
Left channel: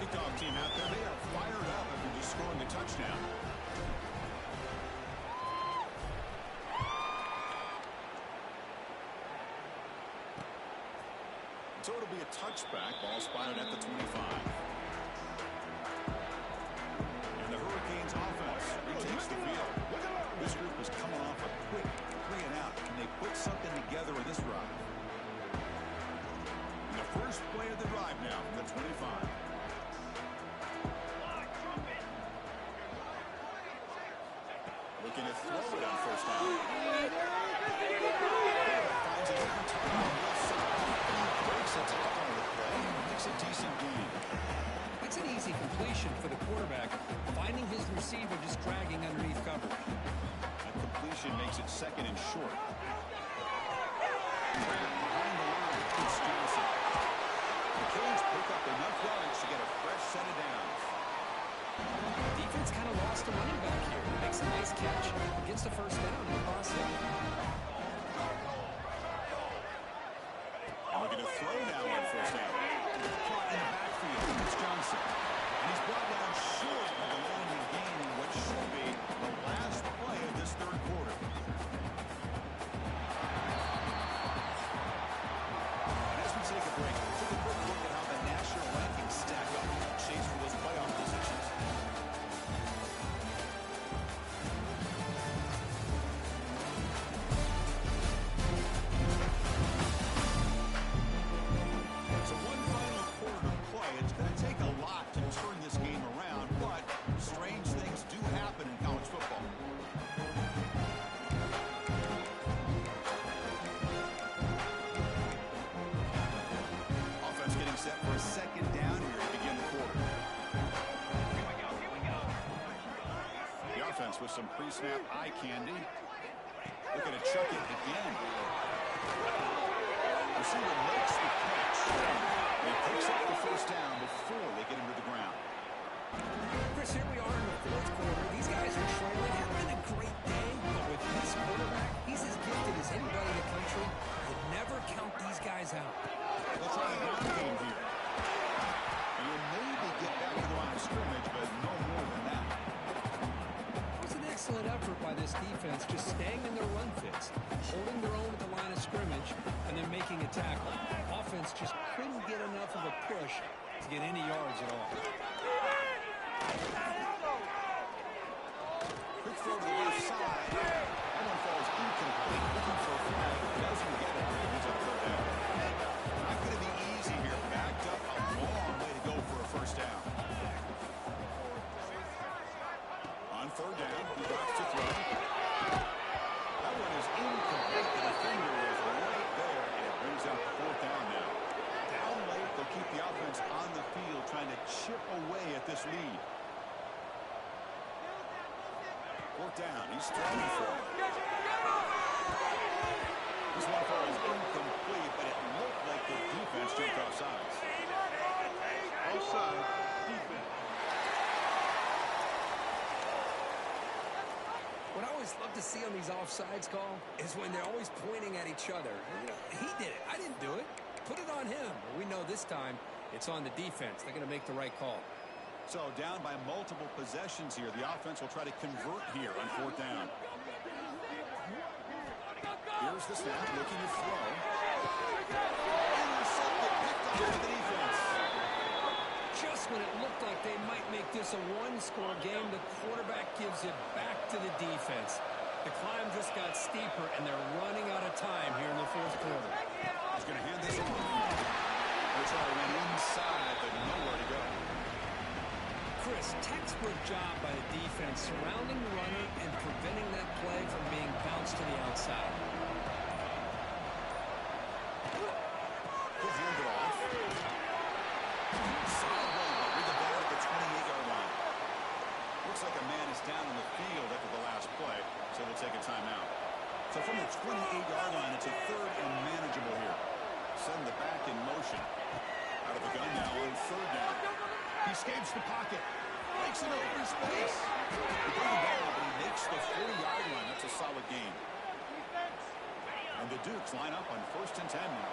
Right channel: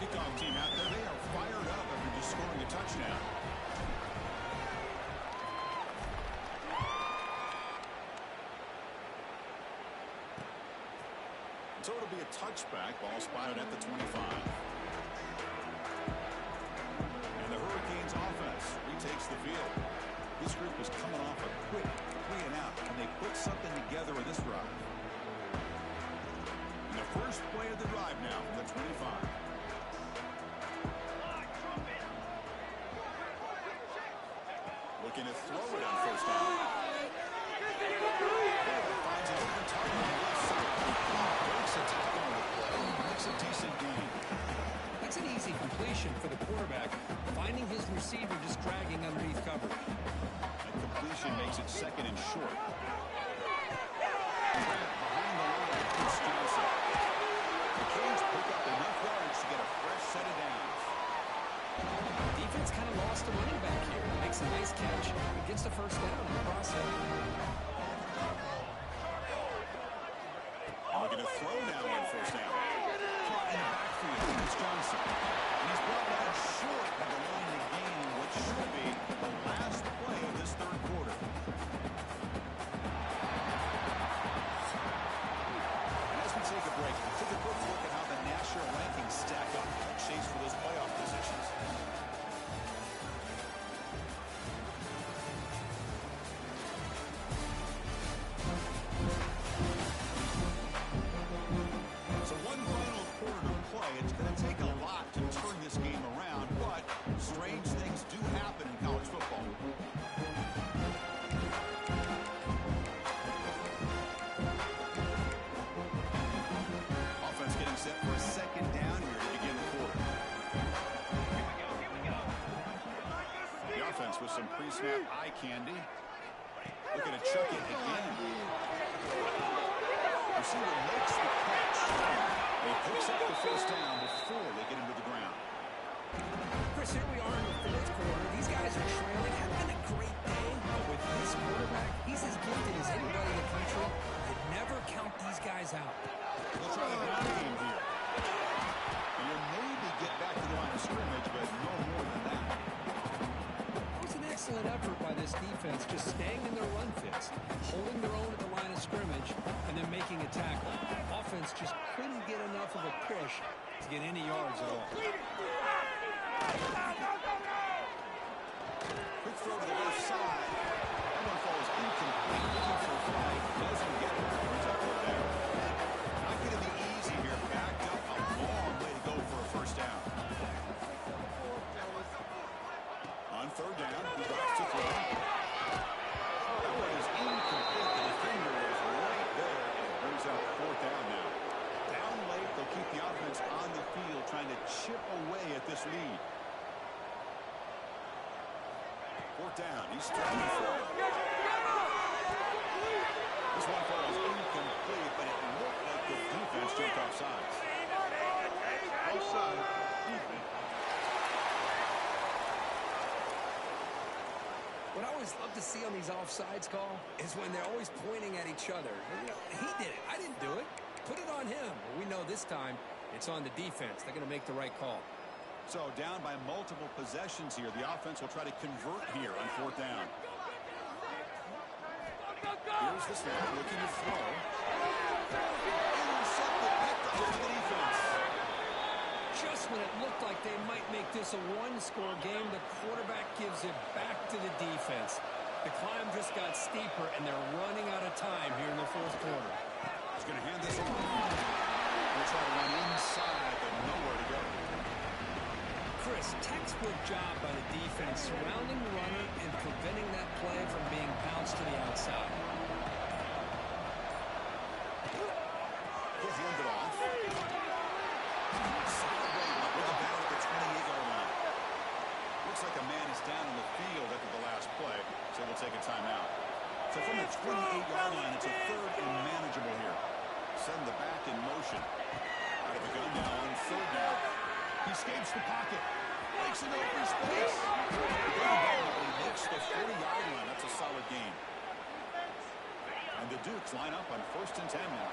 Kickoff team out there, they are fired up after just scoring a touchdown. So it'll be a touchback. Ball spotted at the 25. And the Hurricanes offense retakes the field. This group is coming off a quick 3-and-out. Can they put something together in this drive? And the first play of the drive now from the 25. Looking to throw it on first down. Finds an open target on the left side. He breaks a tackle on the play and makes a decent gain. It's an easy completion for the quarterback, finding his receiver just dragging underneath coverage. That completion makes it second and short. Behind the line, it's Johnson. The Canes pick up enough yards to get a fresh set of downs. Defense kind of lost a running back here. Makes a nice catch, but gets the first down in the process. Looking to throw now on first down. Caught in the backfield. It's Johnson. And he's brought down short by the line to gain in what should be the last play of this third quarter. And as we take a break, take a quick look at how the national rankings stack up in the chase for those playoff positions. So one final quarter to play. It's going to take a lot to turn this game around, but strange things do happen in college football. Offense getting set for a second down here to begin the quarter. Here we go. The offense with some pre-snap eye candy. Looking to chuck it again. Receiver makes the catch. He picks up the first down before they get him to the ground. Chris, here we are in the fourth quarter. These guys are trailing. Having been a great day, but with this quarterback, he's as gifted as anybody in the country. You never count these guys out. They'll try the ground game here. And you'll maybe get back to the line of scrimmage, but no more than that. It was an excellent effort by this defense, just staying in their run fits, holding their own at the line of scrimmage, and then making a tackle. Offense just couldn't get enough of a push to get any yards at all. Quick throw to the left side. That one falls incomplete. Looking for a flag. Doesn't get it. Brings up third down. Not going to be easy here. Backed up a long way to go for a first down. brings up fourth down now. Down late, they'll keep the offense on the field trying to chip away at this lead. Fourth down. He's throwing for it. This one falls incomplete, but it looked like the defense jumped off sides. Offside, defense. What I always love to see on these offsides call is when they're always pointing at each other. You know, he did it. I didn't do it. Put it on him. We know this time it's on the defense. They're going to make the right call. So down by multiple possessions here. The offense will try to convert here on fourth down. Here's the snap, looking to throw. Intercepted, picked off by the defense. Just when it looked like they might make this a one-score game, the quarterback gives it back to the defense. The climb just got steeper, and they're running out of time here in the fourth quarter. He's going to hand this off. They'll try to run inside, but nowhere to go. Chris, textbook job by the defense surrounding the runner and preventing that play from being bounced to the outside. He'll hand it off. Solid run with the bat at the 28-yard line. Looks like a man is down in the field after the last play, so we'll take a timeout. So from the 28-yard line, it's a third and manageable here. Send the back in motion. Out of the gun now on third down. He escapes the pocket. Breaks into open space. He doesn't ball, but he makes the 40-yard line. That's a solid game. And the Dukes line up on 1st and 10 now.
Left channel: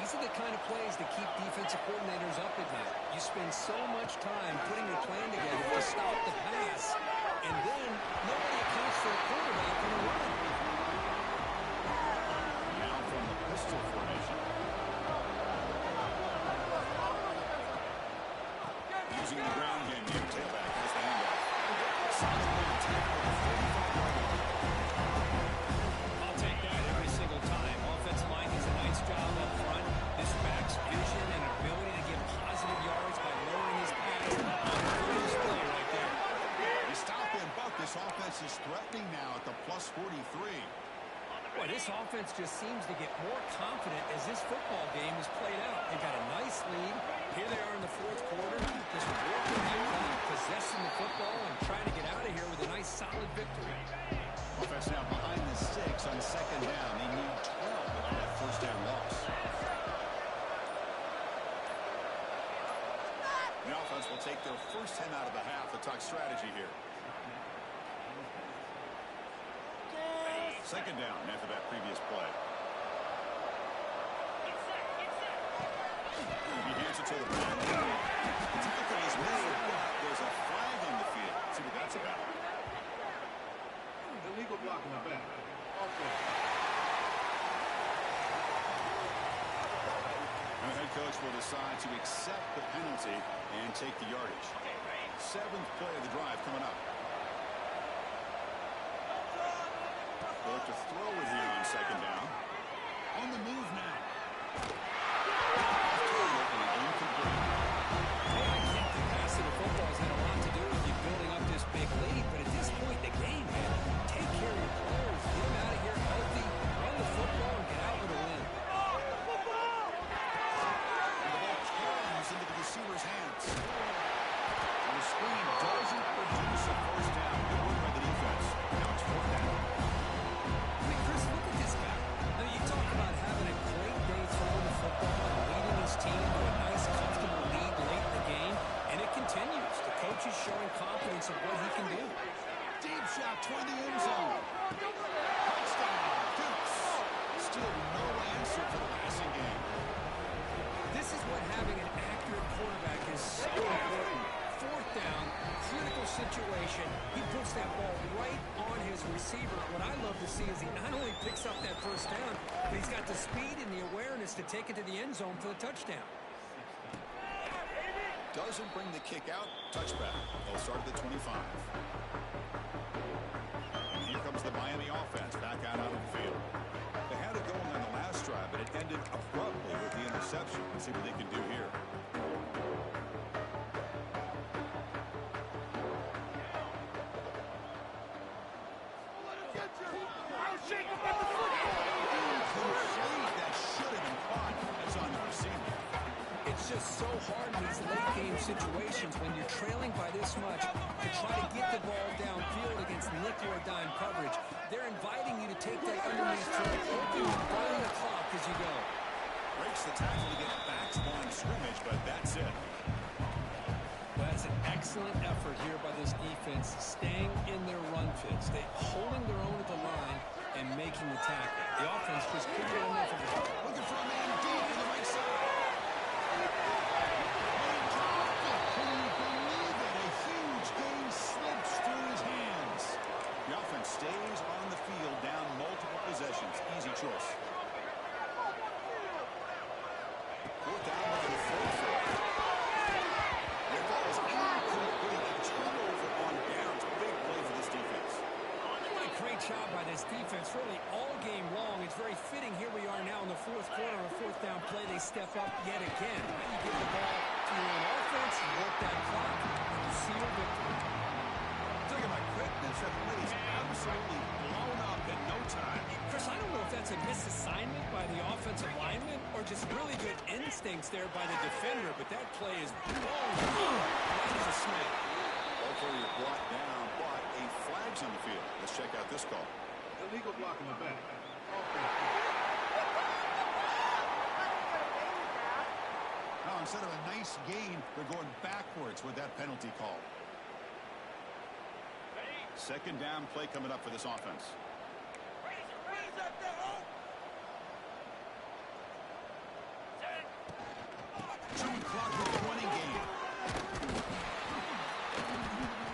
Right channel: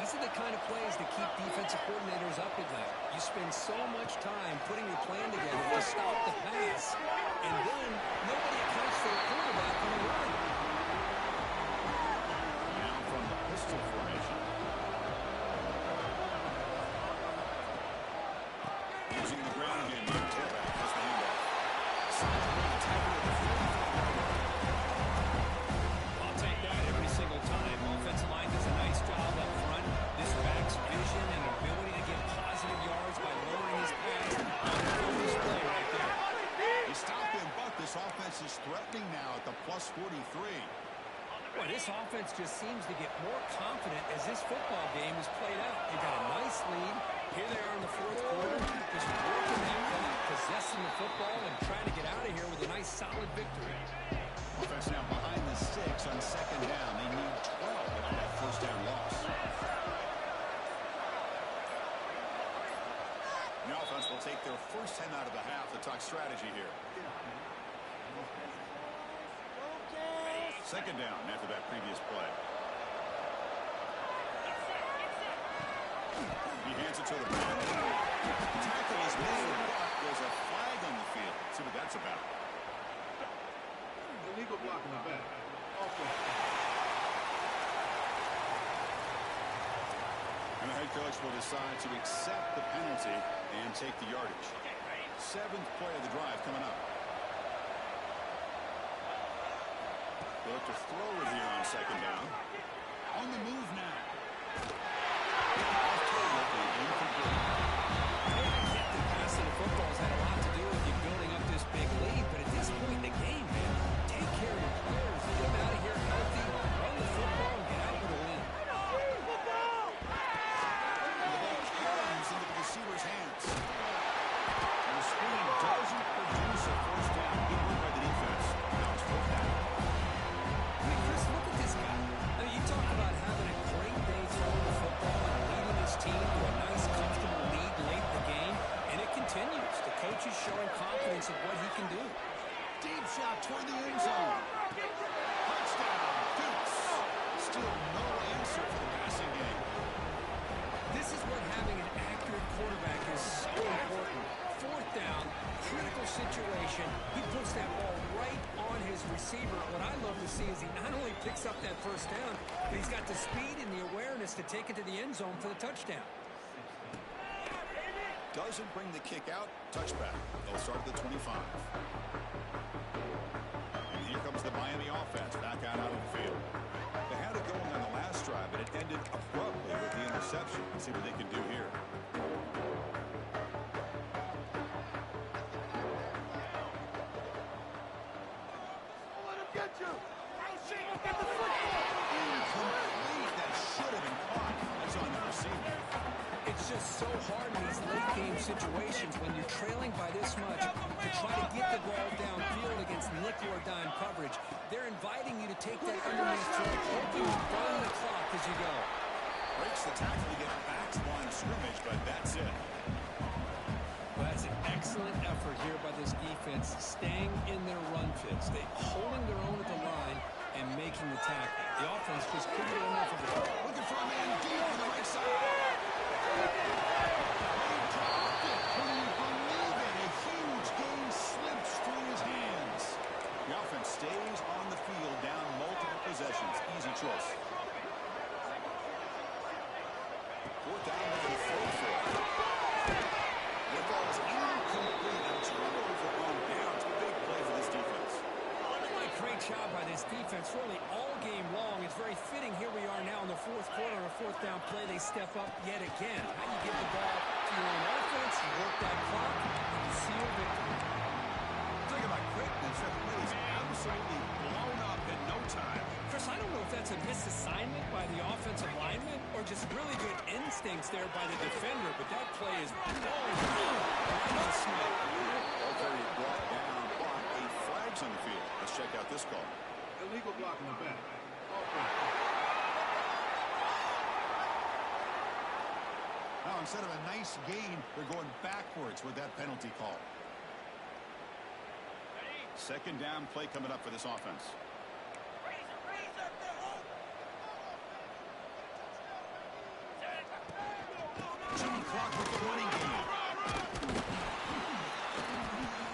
These are the kind of plays that keep defensive coordinators up at night. You spend so much time putting your plan together to stop the pass, and then nobody accounts for a quarterback on the run. Now from the pistol formation. Using the ground game, the tailback has the handoff. Solid run, tackle at the 45-yard line. I'll take that every single time. Offensive line does a nice job up front. This back's vision and ability to get positive yards by lowering his pass on this play right there. He stopped him, but this offense is threatening now at the plus 43. Boy, this offense just seems to get more confident as this football game is played out. They've got a nice lead. Here they are in the fourth quarter, just working that clock, possessing the football, and trying to get out of here with a nice, solid victory. Offense now behind the 6 on second down. They need 12 after that first down loss. The offense will take their first 10 out of the half to talk strategy here. Second down after that previous play. He hands it to the ball. The tackle is made, but there's a flag on the field. Let's see what that's about. Illegal block in the back. Offense. And the head coach will decide to accept the penalty and take the yardage. 7th play of the drive coming up. They'll look to throw it here on second down. On the move now. Off target and incomplete. Hey, I get the passing of football has had a lot to do with you building up this big lead, but at this point in the game, man, take care of your players. Get them out of here healthy, run the football, and get out with a win. And the ball carries into the receiver's hands. And the screen doesn't produce a first down. Good work by the defense. Now it's fourth down. I mean, Chris, look at this guy. I mean, you talk about having a great day throwing the football and leading his team to a nice, comfortable lead late in the game, and it continues. The coach is showing confidence of what he can do. Deep shot toward the end zone. Touchdown, Dukes. Still no answer for the passing game. This is what having an accurate quarterback is so important. Fourth down, critical situation. He puts that ball right on his receiver. What I love to see is he not only picks up that first down, but he's got the speed and the awareness to take it to the end zone for the touchdown. Doesn't bring the kick out. Touchback. They'll start at the 25. And here comes the Miami offense back out of the field. They had it going on the last drive, but it ended abruptly with the interception. Let's see what they can do here. Incomplete. That should have been It's just so hard in these late-game situations when you're trailing by this much to try to get the ball downfield against nickel or dime coverage. They're inviting you to take that underneath throw, hoping you burn the clock as you go. Breaks the tackle to get back to line of scrimmage, but that's it. Well, that's an excellent effort here by this defense, staying in their run fits. They holding their own at the line and making the tackle. The offense just couldn't get enough of it. Looking for a man deep on the right side. He dropped it. Can you believe it? A huge gain slips through his hands. The offense stays on the field, down multiple possessions. Easy choice. Fourth down, looking to throw for it. The ball is incomplete. A turnover on downs. Big play for this defense. What a great job by this defense, really all game long. It's very fitting. Here we are now in the fourth quarter on a fourth down play. They step up yet again. Now you give the ball to your own offense, you work that clock, and you see your victory. Talking about quickness, that play is absolutely blown up in no time. Chris, I don't know if that's a misassignment by the offensive lineman or just really good instincts there by the defender, but that play is blown up right as a smack. Ball carrier brought down, but a flag's on the field. Let's check out this call. Illegal block in the back. Offense. Now, instead of a nice gain, they're going backwards with that penalty call. Second down play coming up for this offense. Chewing clock with the running game.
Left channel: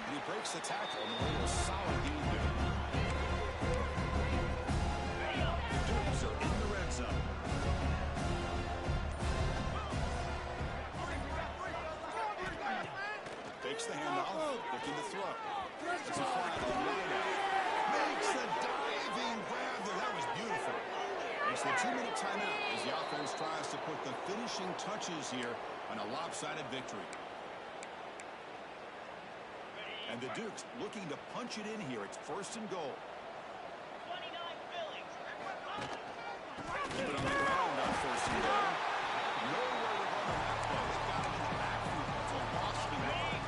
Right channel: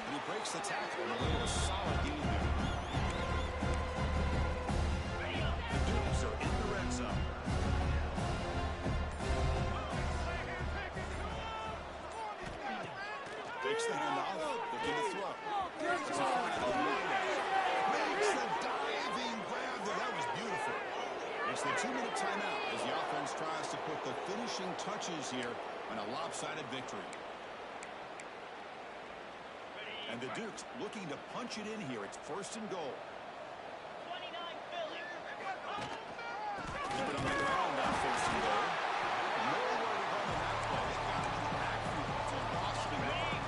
And he breaks the tackle on the way to a solid gain there. The Dukes are in the red zone. Takes the handoff, looking to throw. It's a flag on the wideout. Makes the diving grab there. That was beautiful. It's the 2-minute timeout as the offense tries to put the finishing touches here on a lopsided victory. And the Dukes looking to punch it in here. It's first and goal. 29 Phillies. Keep it on the ground on first and goal. Nowhere to run on that play. They got it in the backfield. It's a loss to run.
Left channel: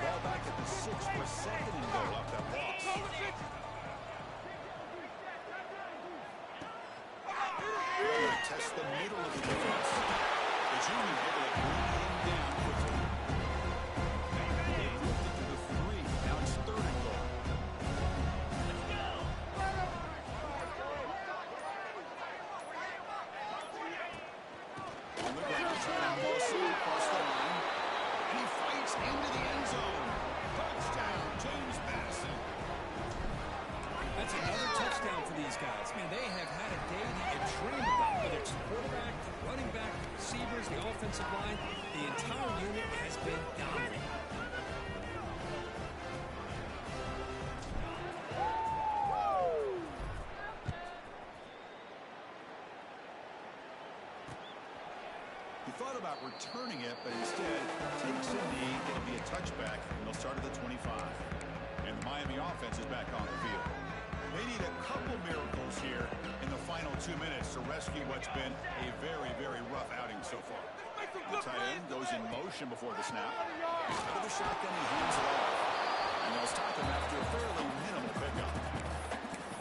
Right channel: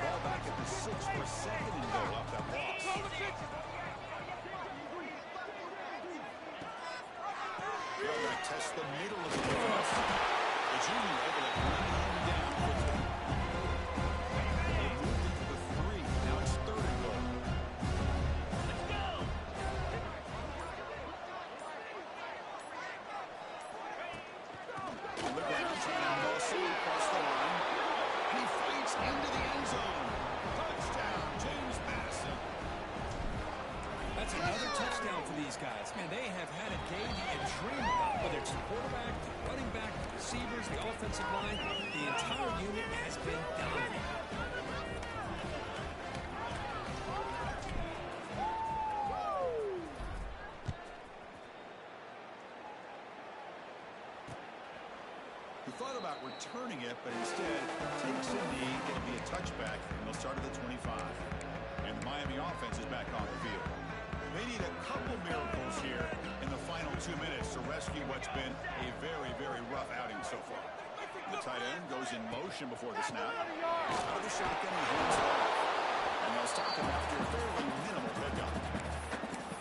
Ball back at the 6 for second and goal off that loss. Test the middle of the defense. The junior able to bring him down quickly. They moved it to the 3. Now it's third and goal. Let's go. On the ground, trying to muscle across the line. And he fights into the end zone. Touchdown, James Madison. That's another touchdown for these guys. Man, they have had a day that you dream about. Whether it's the quarterback, the running back, the receivers, the offensive line, the entire unit has been dominant. He thought about returning it, but instead takes a knee. It'll be a touchback, and they'll start at the 25. And the Miami offense is back on the field. They need a couple miracles here in the final 2 minutes to rescue what's been a very, very rough outing so far. The tight end goes in motion before the snap. Out of the shotgun, he hands it off. And they'll stop him after a fairly minimal pickup.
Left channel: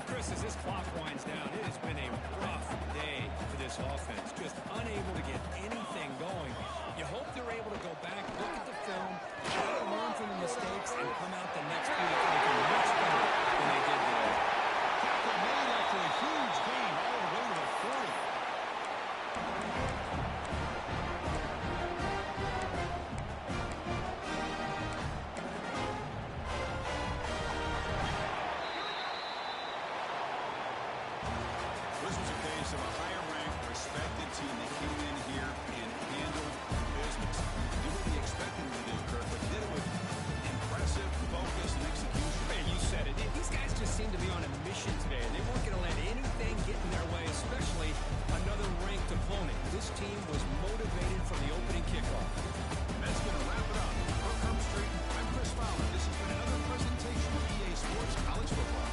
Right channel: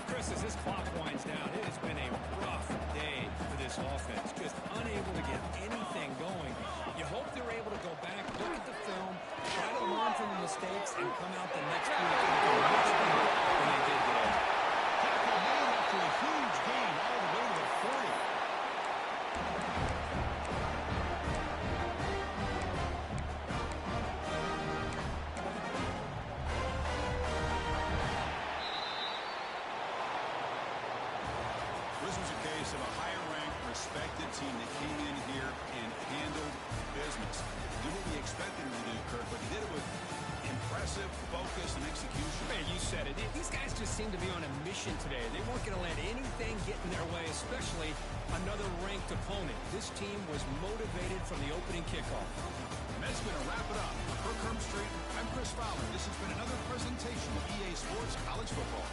Chris, as this clock winds down, it has been a rough day for this offense. Just unable to get anything going. You hope they're able to go back, look at the film, try to learn from the mistakes, and come out the next week looking much better than they did today. Tackle made after a huge gain all the way to the 40. This was a case of a higher-ranked, respected team that came in here and handled business. Did what we expected them to do, Kirk, but did it with impressive focus and execution. Man, you said it. These guys just seem to be on a mission today. They weren't going to let anything get in their way, especially another ranked opponent. This team was motivated from the opening kickoff. And that's going to wrap it up. For Kirk Street, I'm Chris Fowler. This has been another presentation of EA Sports College Football.